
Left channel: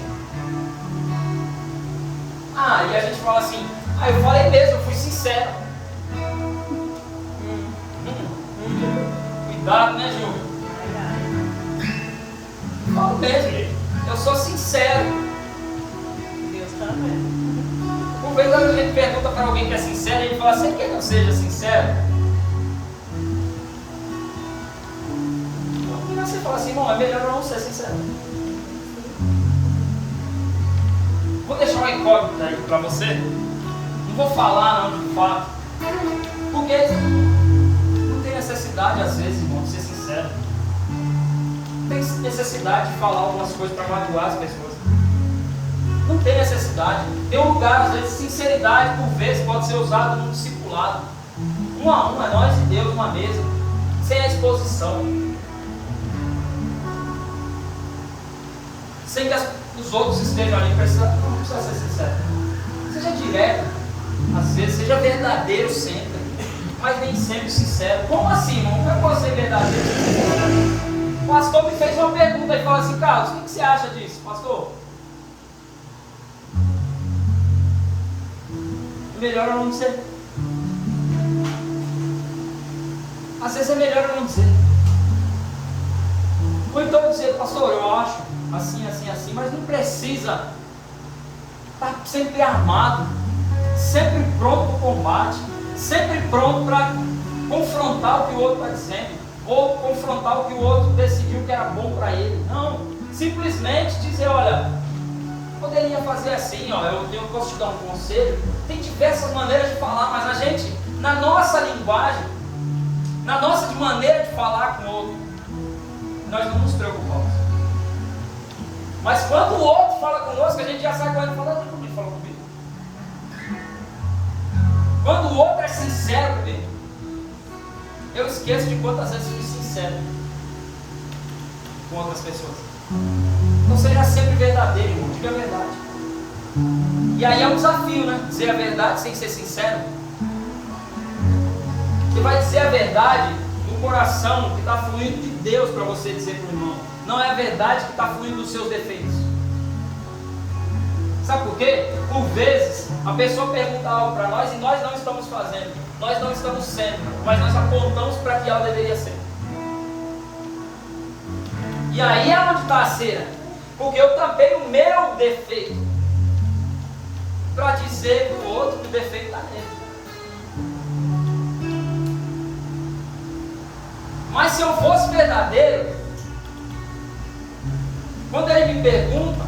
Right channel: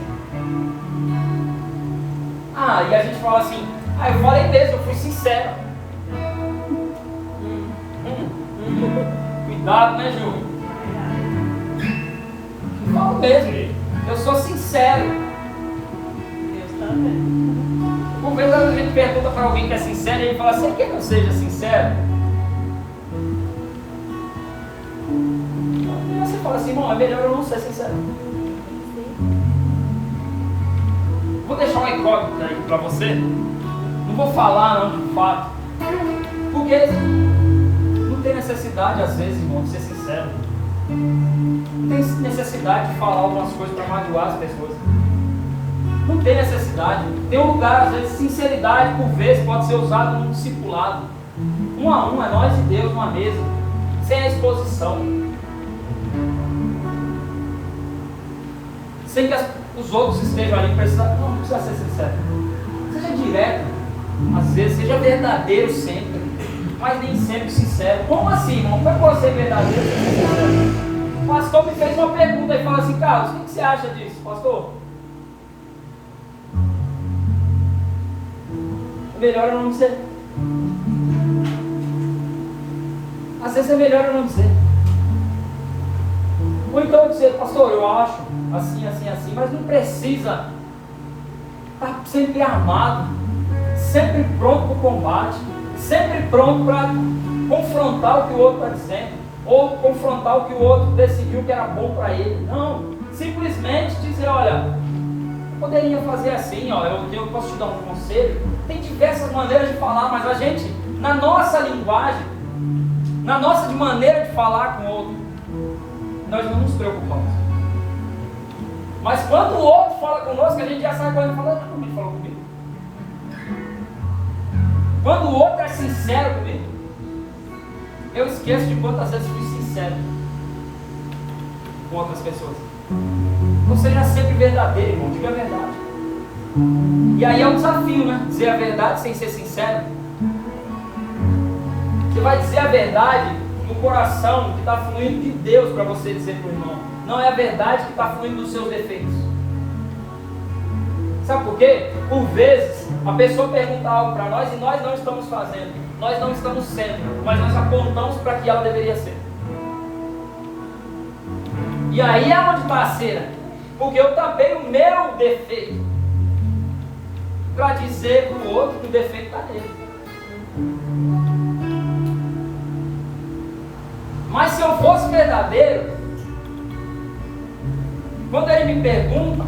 Ah, e a gente fala assim: ah, eu falei mesmo, eu fui sincero. Cuidado, né, Ju? Eu falo mesmo, eu sou sincero. Deus também. Por vezes a gente pergunta para alguém que é sincero e ele fala: você quer que eu seja sincero? E você fala assim: bom, é melhor eu não ser sincero. Vou deixar uma incógnita aqui para você. Não vou falar não de fato. Porque não tem necessidade, às vezes, irmão, de ser sincero. Não tem necessidade de falar algumas coisas para magoar as pessoas. Não tem necessidade. Tem um lugar, às vezes, sinceridade, por vezes, pode ser usado no discipulado. Um a um, é nós e Deus, numa mesa. Sem a exposição. Sem que os outros estejam ali. Não precisa ser sincero. Seja direto. Às vezes, seja verdadeiro sempre. Mas nem sempre sincero. Como assim, irmão? Como é que você é verdadeiro sem ser sincero? O pastor me fez uma pergunta e falou assim: Carlos, o que você acha disso, pastor? É melhor eu não dizer. Às vezes é melhor eu não dizer. Ou então eu dizer: pastor, eu acho assim, assim, assim, mas não precisa estar sempre armado, sempre pronto para o combate, sempre pronto para confrontar o que o outro está dizendo, ou confrontar o que o outro decidiu que era bom para ele. Não, simplesmente dizer: olha, eu poderia fazer assim, ó, eu posso te dar um conselho. Tem diversas maneiras de falar, mas a gente, na nossa linguagem, na nossa maneira de falar com o outro, nós não nos preocupamos. Mas quando o outro fala conosco, a gente já sai correndo e fala: como ele falou comigo? Quando o outro é sincero comigo, eu esqueço de quantas vezes fui sincero com outras pessoas. Então seja sempre verdadeiro, irmão, diga a verdade. E aí é um desafio, né? Dizer a verdade sem ser sincero. Você vai dizer a verdade no coração que está fluindo de Deus para você dizer para o irmão. Não é a verdade que está fluindo dos seus defeitos. Sabe por quê? Por vezes a pessoa pergunta algo para nós e nós não estamos fazendo, nós não estamos sendo, mas nós apontamos para que ela deveria ser. E aí é onde está a cera, porque eu tapei o meu defeito para dizer para o outro que o defeito está nele. Mas se eu fosse verdadeiro, quando ele me pergunta,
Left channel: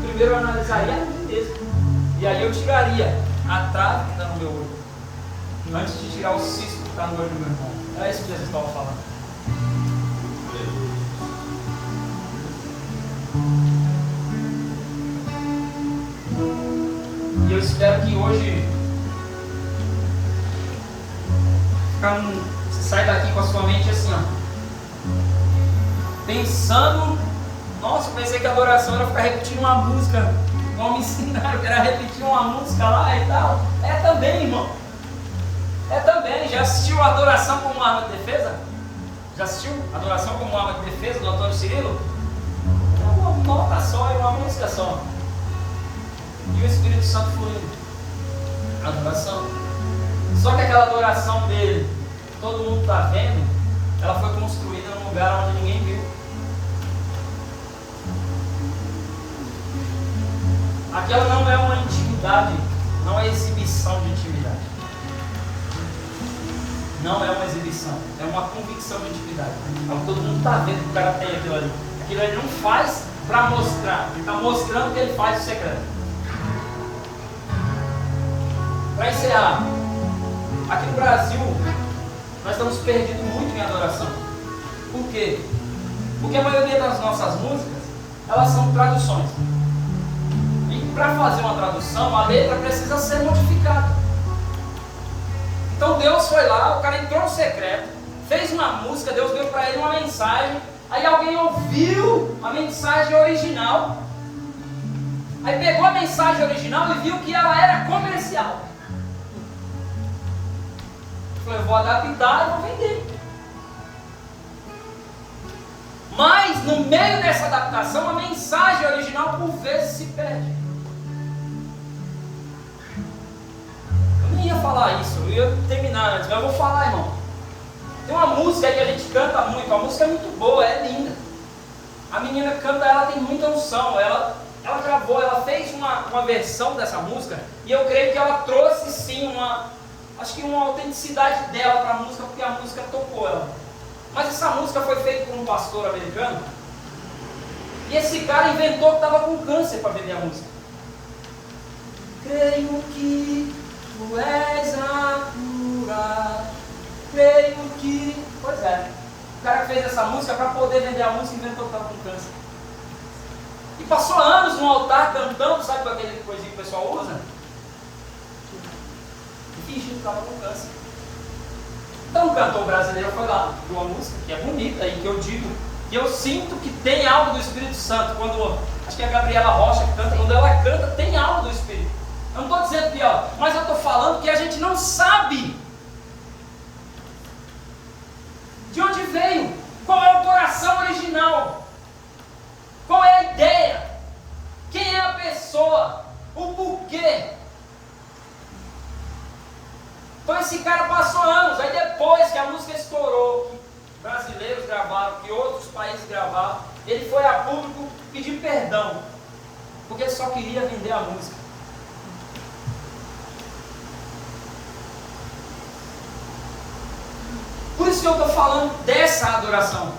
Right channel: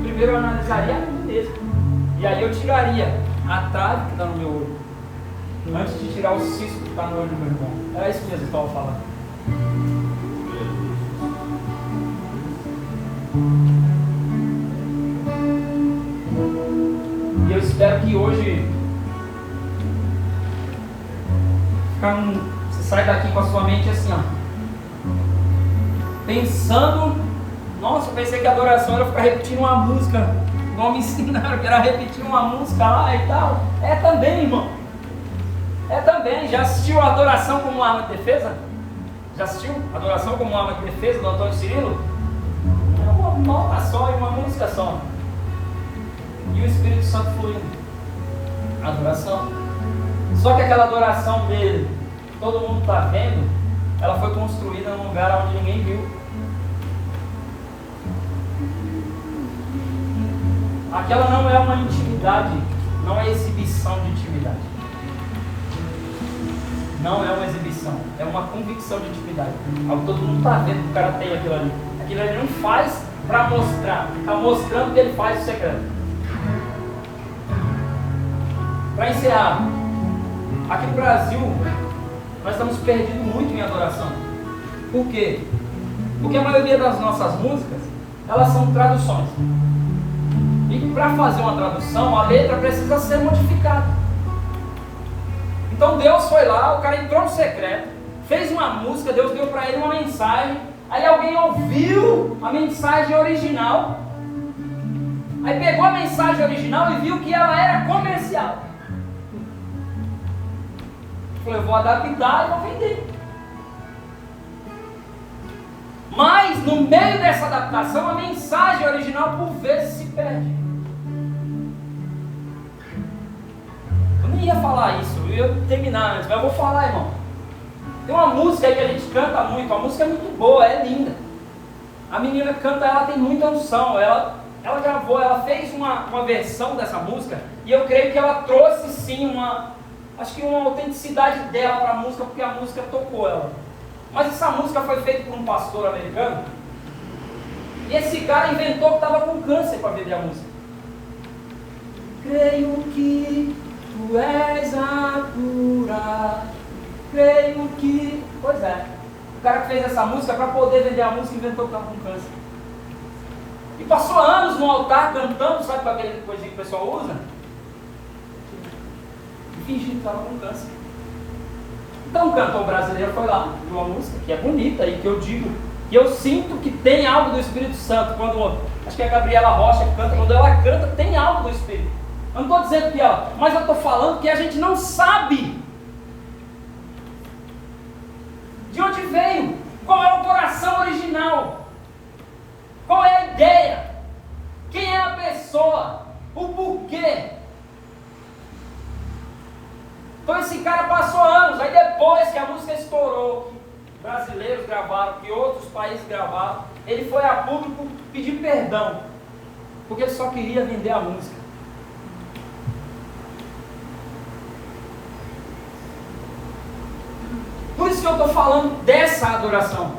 primeiro eu analisaria a mim mesmo. E aí eu tiraria a trave que está no meu olho, antes de tirar o cisco que está no olho do meu irmão. É isso que Jesus estava falando. E eu espero que hoje você saia daqui com a sua mente assim, ó, pensando. Nossa, eu pensei que a adoração era ficar repetindo uma música. Não me ensinaram que era repetir uma música lá e tal. É também, irmão. É também. Já assistiu a adoração como uma arma de defesa? Já assistiu adoração como uma arma de defesa do Antônio Cirilo? É uma nota só e uma música só. E o Espírito Santo fluindo. Adoração. Só que aquela adoração dele, todo mundo está vendo, ela foi construída num lugar onde ninguém viu. Aquela não é uma intimidade, não é exibição de intimidade. Não é uma exibição, é uma convicção de intimidade. Algo que todo mundo está vendo que o cara tem aquilo ali. Aquilo ele não faz para mostrar, está mostrando que ele faz o segredo. Para encerrar, aqui no Brasil, nós estamos perdidos muito em adoração. Por quê? Porque a maioria das nossas músicas, elas são traduções. E para fazer uma tradução, a letra precisa ser modificada. Então Deus foi lá, o cara entrou no secreto, fez uma música, Deus deu para ele uma mensagem, aí alguém ouviu a mensagem original, aí pegou a mensagem original e viu que ela era comercial. Falou: eu vou adaptar e vou vender. Mas no meio dessa adaptação, a mensagem original por vezes se perde. Eu nem ia falar isso, eu ia terminar antes, mas eu vou falar, irmão. Tem uma música aí que a gente canta muito, a música é muito boa, é linda. A menina que canta, ela tem muita unção, ela gravou, ela fez uma versão dessa música, e eu creio que ela trouxe sim acho que uma autenticidade dela para a música, porque a música tocou ela. Mas essa música foi feita por um pastor americano, e esse cara inventou que estava com câncer para vender a música. Tu és a cura, creio que... Pois é, o cara que fez essa música, para poder vender a música, inventou que estava com câncer. E passou anos no altar cantando, sabe com aquele coisinha que o pessoal usa? E fingindo que estava com câncer. Então o cantor brasileiro foi lá, viu a música, que é bonita e que eu digo, que eu sinto que tem algo do Espírito Santo. Quando, acho que é a Gabriela Rocha que canta, quando ela canta, tem algo do Espírito. Eu não estou dizendo que, mas eu estou falando que a gente não sabe de onde veio, qual é a adoração original, qual é a ideia, quem é a pessoa, o porquê. Então esse cara passou anos, aí depois que a música estourou, que brasileiros gravaram, que outros países gravaram, ele foi a público pedir perdão, porque ele só queria vender a música. Por isso que eu estou falando dessa adoração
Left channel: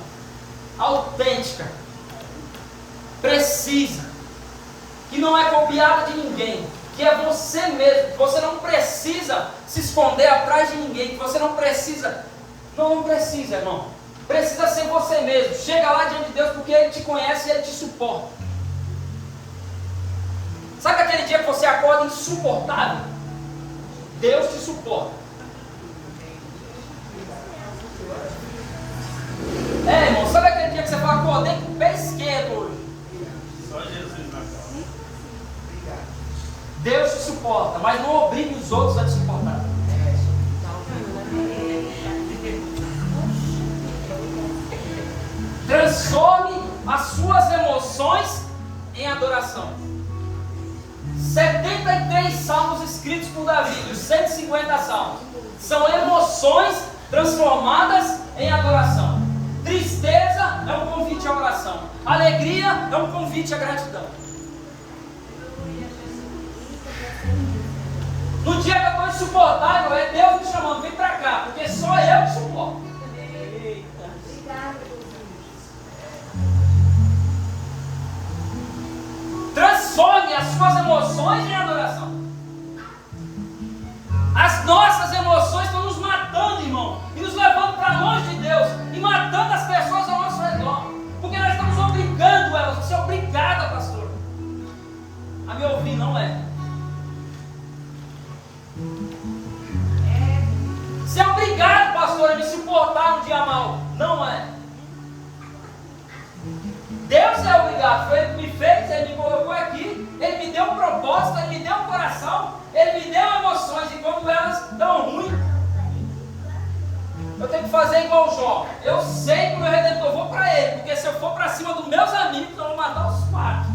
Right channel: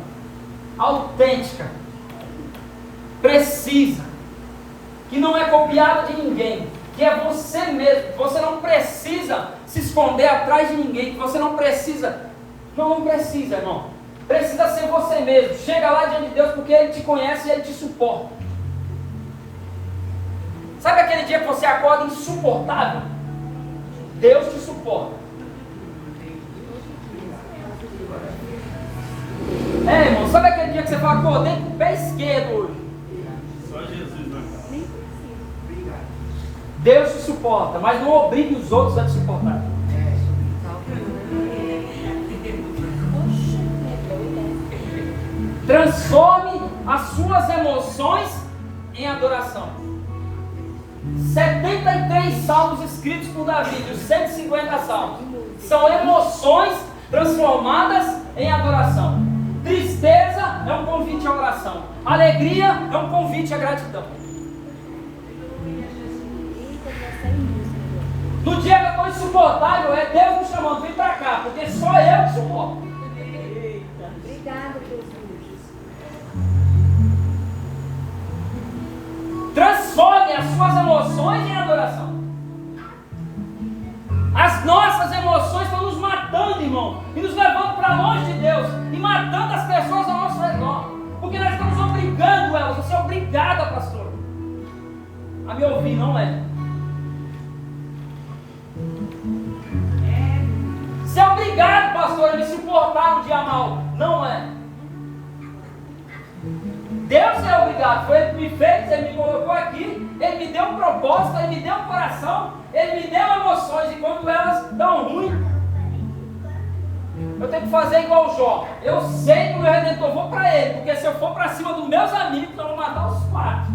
autêntica, precisa, que não é copiada de ninguém, que é você mesmo. Você não precisa se esconder atrás de ninguém, que você não precisa, não precisa, irmão. Precisa ser você mesmo. Chega lá diante de Deus porque Ele te conhece e Ele te suporta. Sabe aquele dia que você acorda insuportável? Deus te suporta. Irmão, sabe aquele dia que você fala, acordei com o pé esquerdo hoje? Só Jesus, né? Deus te suporta, mas não obrigue os outros a te suportar. Transforme as suas emoções em adoração. 73 salmos escritos por Davi, dos 150 salmos, são emoções transformadas em adoração. Tristeza é um convite à oração. Alegria é um convite à gratidão. No dia que eu estou insuportável, é Deus me chamando, vem para cá, porque só eu te suporto. Transforme as suas emoções em adoração. As nossas emoções estão nos matando, irmão, e nos levando para longe de Deus, e matando as pessoas ao nosso redor, porque nós estamos obrigando elas. Você é obrigada, pastor, a me ouvir, não é? Você é obrigado, pastor, a me suportar um dia mal, não é? Deus é obrigado, foi Ele que me fez, Ele me colocou aqui, Ele me deu um propósito, Ele me deu um coração, Ele me deu emoções, e quando elas estão ruins, eu tenho que fazer igual o Jó. Eu sei que o meu Redentor, vou para Ele, porque se eu for para cima dos meus amigos, eu vou matar os quatro.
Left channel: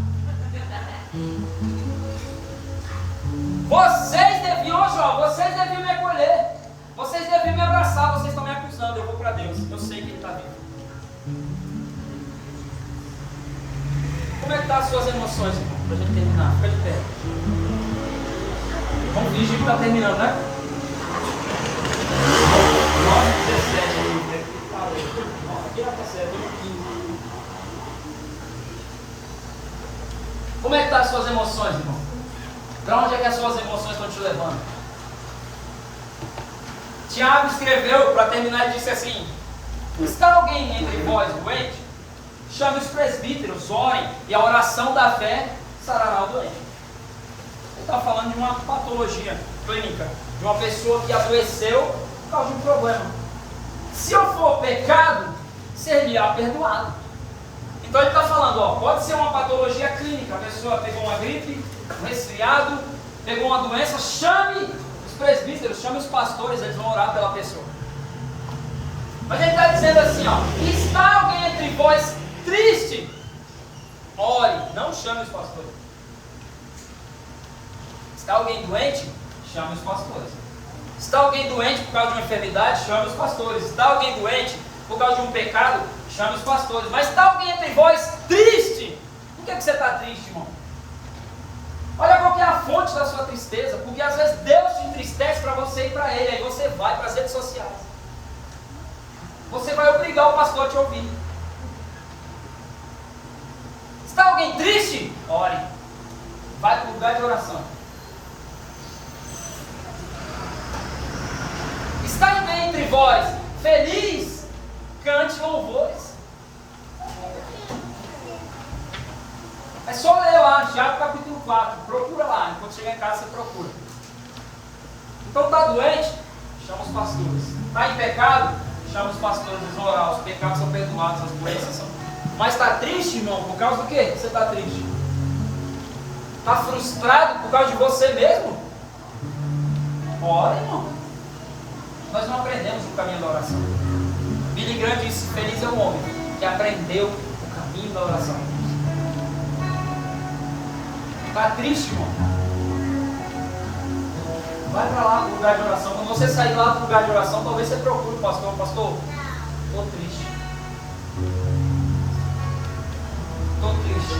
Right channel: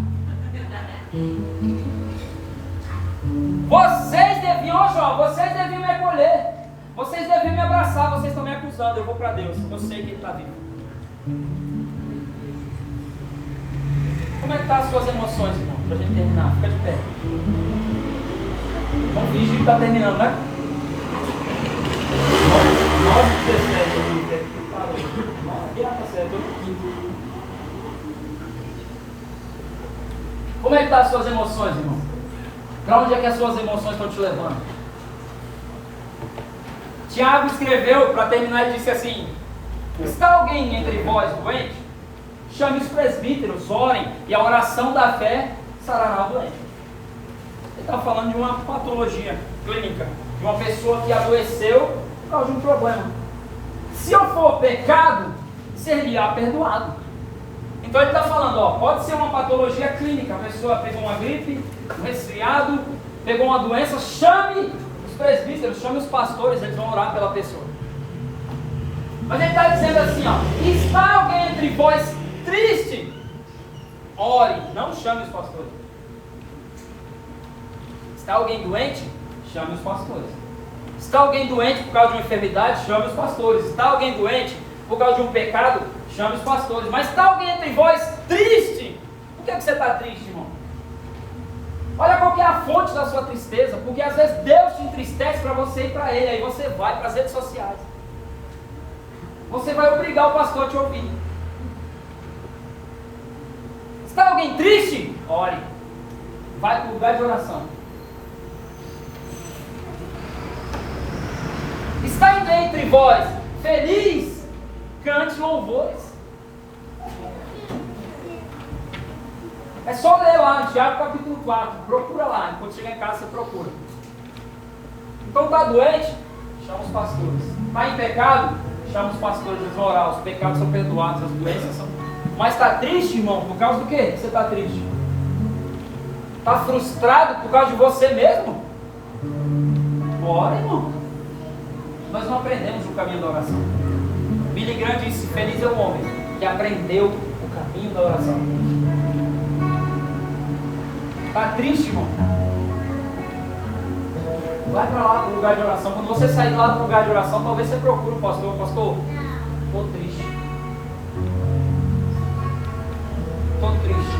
Vocês deviam, Jó, vocês deviam me acolher, vocês deviam me abraçar, vocês estão me acusando, eu vou para Deus, eu sei que Ele está vivo. Como é que estão as suas emoções, irmão? Para a gente terminar, fica de pé. Vamos fingir que está terminando, né? 9h17 aqui. Como é que estão as suas emoções, irmão? Para onde é que as suas emoções estão te levando? Tiago escreveu, para terminar, ele disse assim: está alguém entre vós doente? Chame os presbíteros, orem, e a oração da fé sarará o doente. Ele está falando de uma patologia clínica, de uma pessoa que adoeceu por causa de um problema. Se eu for pecado, seria perdoado. Então ele está falando, pode ser uma patologia clínica, a pessoa pegou uma gripe, um resfriado, pegou uma doença, chame os presbíteros, chame os pastores, eles vão orar pela pessoa. Mas ele está dizendo assim, está alguém entre vós triste? Ore, não chame os pastores. Está alguém doente? Chame os pastores. Está alguém doente por causa de uma enfermidade? Chame os pastores. Está alguém doente por causa de um pecado? Chame os pastores. Mas está alguém entre vós triste? Por que você está triste, irmão? Olha qual que é a fonte da sua tristeza, porque às vezes Deus te entristece para você ir para Ele, aí você vai para as redes sociais. Você vai obrigar o pastor a te ouvir. Está alguém triste? Ore. Vai para o lugar de oração. entre vós feliz, cante louvores. É só ler lá, Tiago capítulo 4, procura lá, quando chegar em casa você procura. Então está doente? Chama os pastores. Está em pecado? Chama os pastores a orar. Os pecados são perdoados, as doenças são. Mas está triste, irmão? Por causa do quê? Você está triste? Está frustrado por causa de você mesmo? Ora, irmão. Nós não aprendemos o caminho da oração. Billy Graham disse: feliz é o homem que aprendeu o caminho da oração. Está triste, irmão? Vai para lá do lugar de oração. Quando você sair lá do lugar de oração, talvez você procure o pastor. Pastor, estou triste. Estou triste.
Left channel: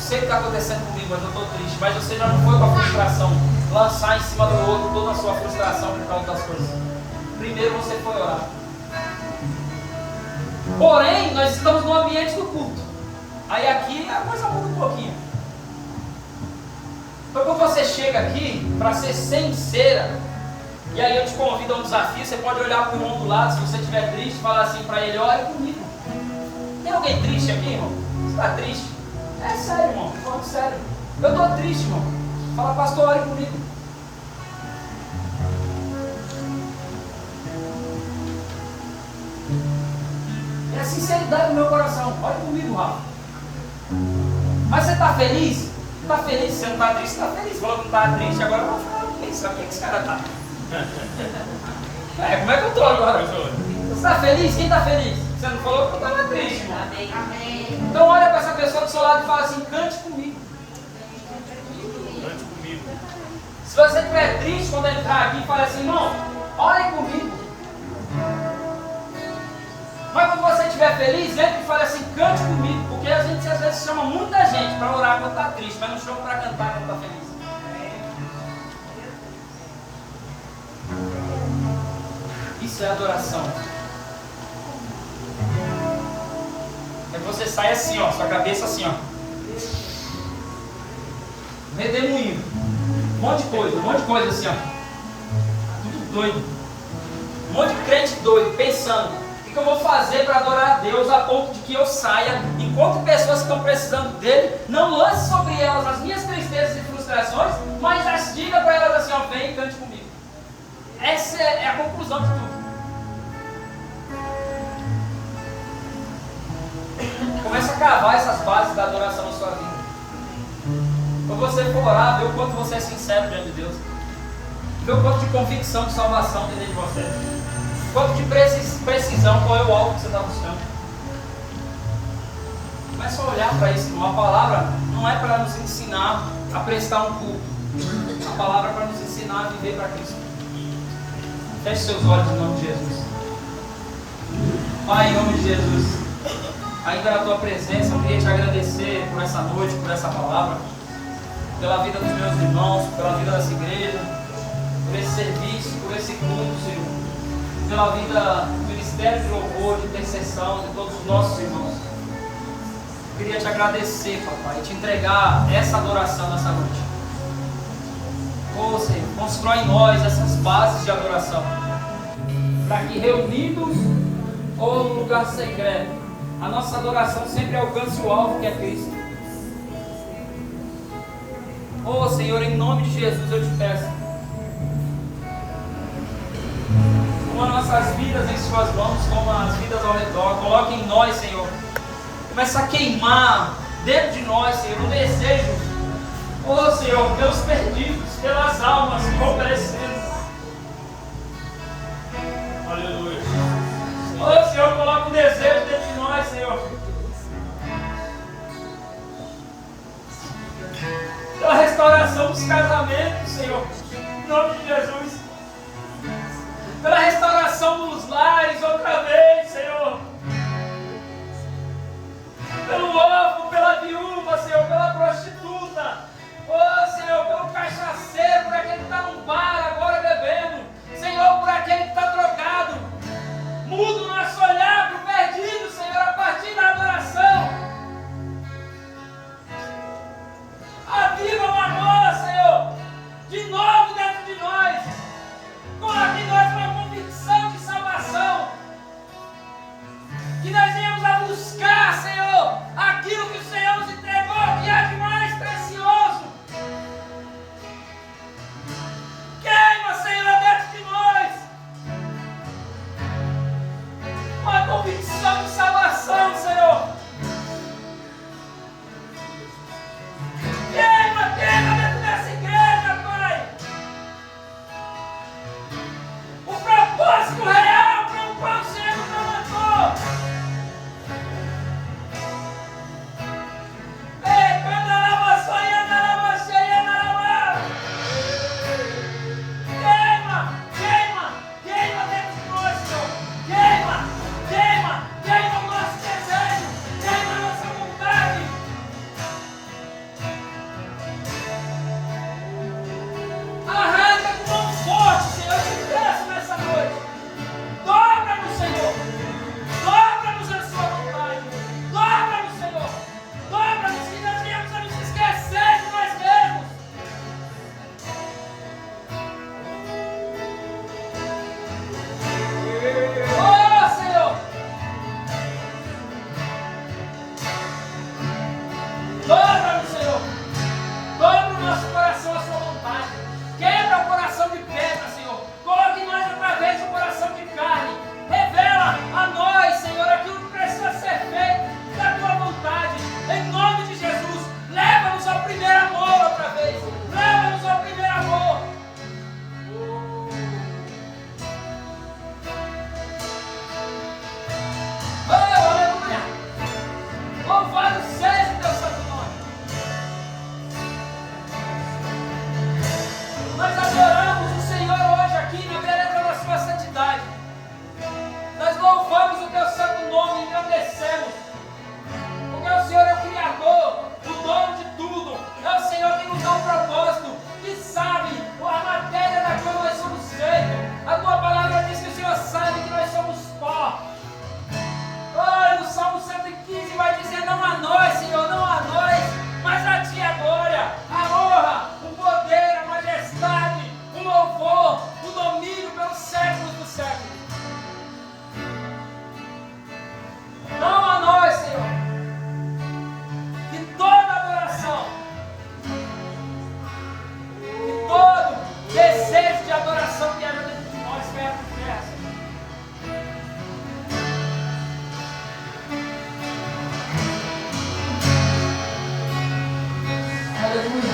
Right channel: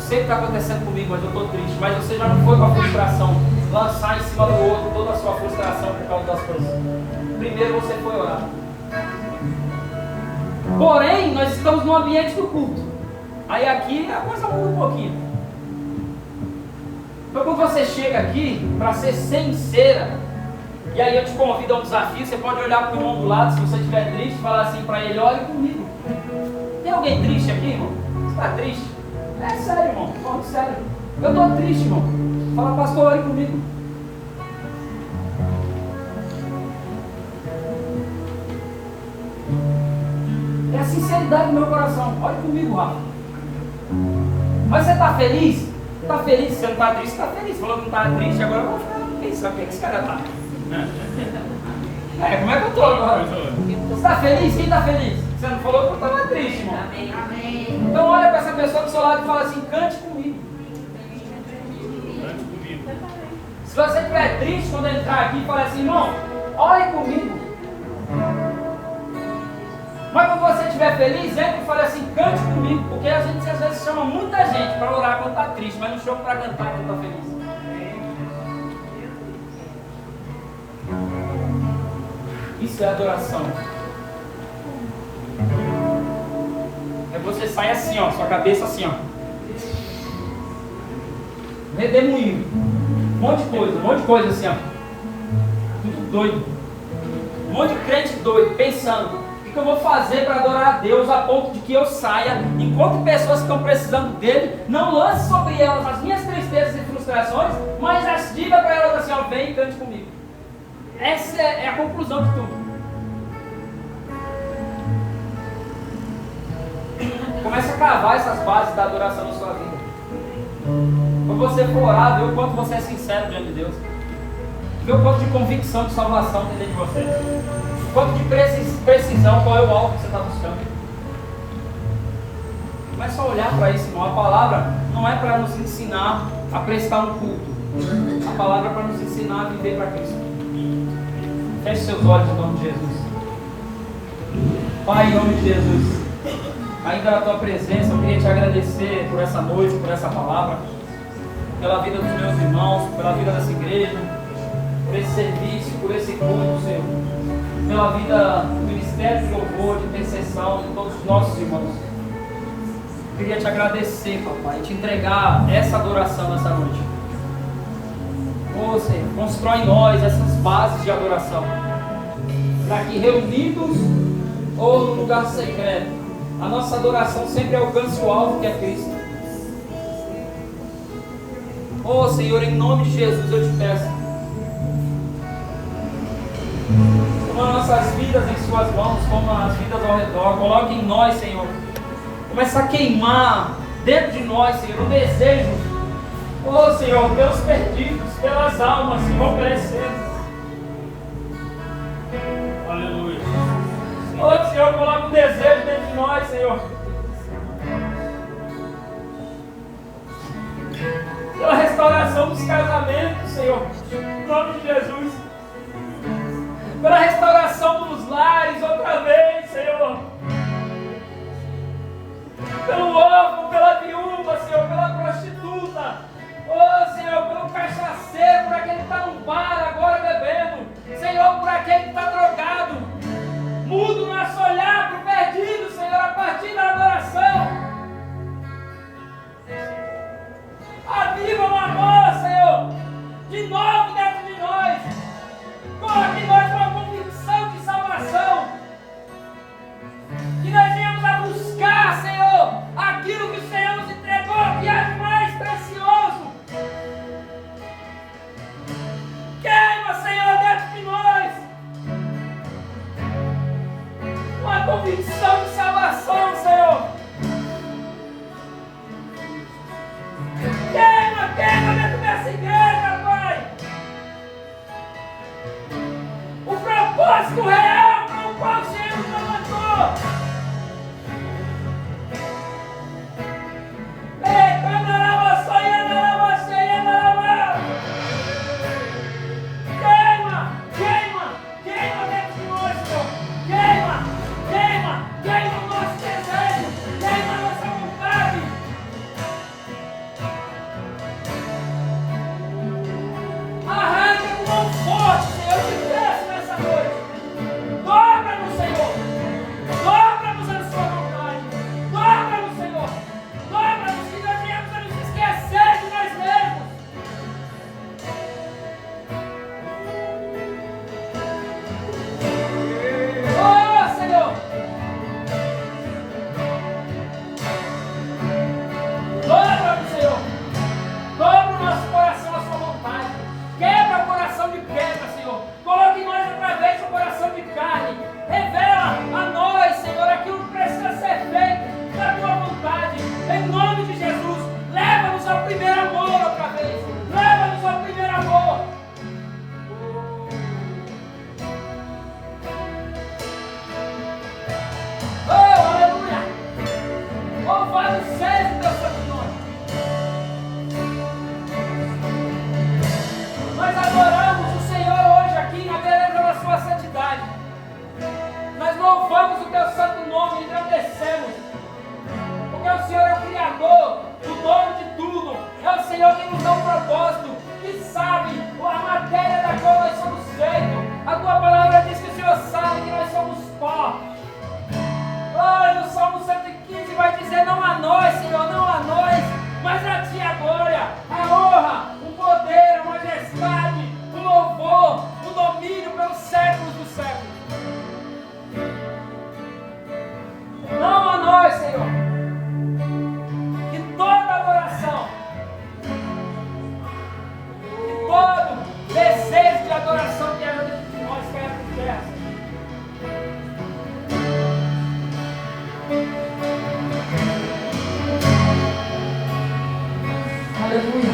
Sei o que está acontecendo comigo, mas eu estou triste. Mas você já não foi com a frustração lançar em cima do outro toda a sua frustração por causa das coisas. Primeiro você foi orar. Porém, nós estamos no ambiente do culto. Aí aqui a coisa muda um pouquinho. Então quando você chega aqui, para ser sincera, e aí eu te convido a um desafio, você pode olhar para o irmão do lado, se você estiver triste, falar assim para ele: olhe comigo. Tem alguém triste aqui, irmão? Você está triste? É sério, irmão, não, é sério. Eu estou triste, irmão. Fala: pastor, olhe comigo. É a sinceridade do meu coração. Olhe comigo, Rafa. Mas você está feliz? Está feliz? Se você não está triste, está feliz. Falou que não está triste, agora eu vou ficar pensando: o que esse cara está? Como é que eu estou agora? Você está feliz? Quem está feliz? Você não falou que eu estava triste, irmão. Amém. Então olha para essa pessoa do seu lado e fala assim: cante comigo. Cante comigo. Se você estiver triste quando entrar aqui, fala assim: irmão, olhe comigo. Mas quando você estiver feliz, entre e fale assim: cante comigo. Porque a gente às vezes chama muita gente para orar quando está triste, mas não chama para cantar quando está feliz. Isso é adoração. É você sai assim, ó, sua cabeça assim, ó, redemoinho, um monte de coisa assim, ó, tudo doido, um monte de crente doido, pensando: o que eu vou fazer para adorar a Deus a ponto de que eu saia, enquanto pessoas que estão precisando dele, não lance sobre elas as minhas tristezas e frustrações, mas as diga para elas assim: ó, vem e cante comigo. Essa é a conclusão de tudo. Começa a cavar essas bases da adoração na sua vida. Quando você for orar, vê o quanto você é sincero diante de Deus. Vê o quanto de convicção de salvação tem dentro de você. O quanto de precisão, qual é o alvo que você está buscando. Começa a olhar para isso, irmão. A palavra não é para nos ensinar a prestar um culto. A palavra é para nos ensinar a viver para Cristo. Feche seus olhos em nome de Jesus. Pai, em nome de Jesus, ainda na tua presença, eu queria te agradecer por essa noite, por essa palavra, pela vida dos meus irmãos, pela vida dessa igreja, por esse serviço, por esse culto, Senhor, pela vida do ministério de louvor, de intercessão de todos os nossos irmãos. Eu queria te agradecer, papai, e te entregar essa adoração nessa noite. Oh, Senhor, constrói em nós essas bases de adoração, para que reunidos ou no lugar secreto, a nossa adoração sempre alcance o alvo que é Cristo. Oh, Senhor, em nome de Jesus eu te peço, toma nossas vidas em suas mãos, toma as vidas ao redor, coloque em nós, Senhor, começa a queimar dentro de nós, Senhor, o desejo, oh, Senhor, pelos perdidos, pelas almas que vão perecendo. Aleluia. Oh, Senhor, coloca o desejo dentro de nós, Senhor, pela restauração dos casamentos, Senhor, em nome de Jesus, pela restauração dos lares outra vez, Senhor, pelo órfão, pela viúva, Senhor, pela prostituta, oh, Senhor, pelo cachaceiro, por aquele que está num bar agora bebendo, Senhor, por aquele que está drogado. Muda o nosso olhar para o perdido, Senhor, a partir da adoração. Aviva o amor, Senhor, de novo dentro de nós. propósito e sabe a matéria da qual nós somos feitos. A tua palavra diz que o Senhor sabe que nós somos pó. Oh, no Salmo 115 vai dizer: não a nós, Senhor, não a nós, mas a Ti a glória, a honra, o poder, a majestade, o louvor, o domínio pelos séculos dos séculos. Não a nós, Senhor. E toda adoração, e todo desejo de adoração que haja dentro de nós caia por terra, Senhor. Aleluia.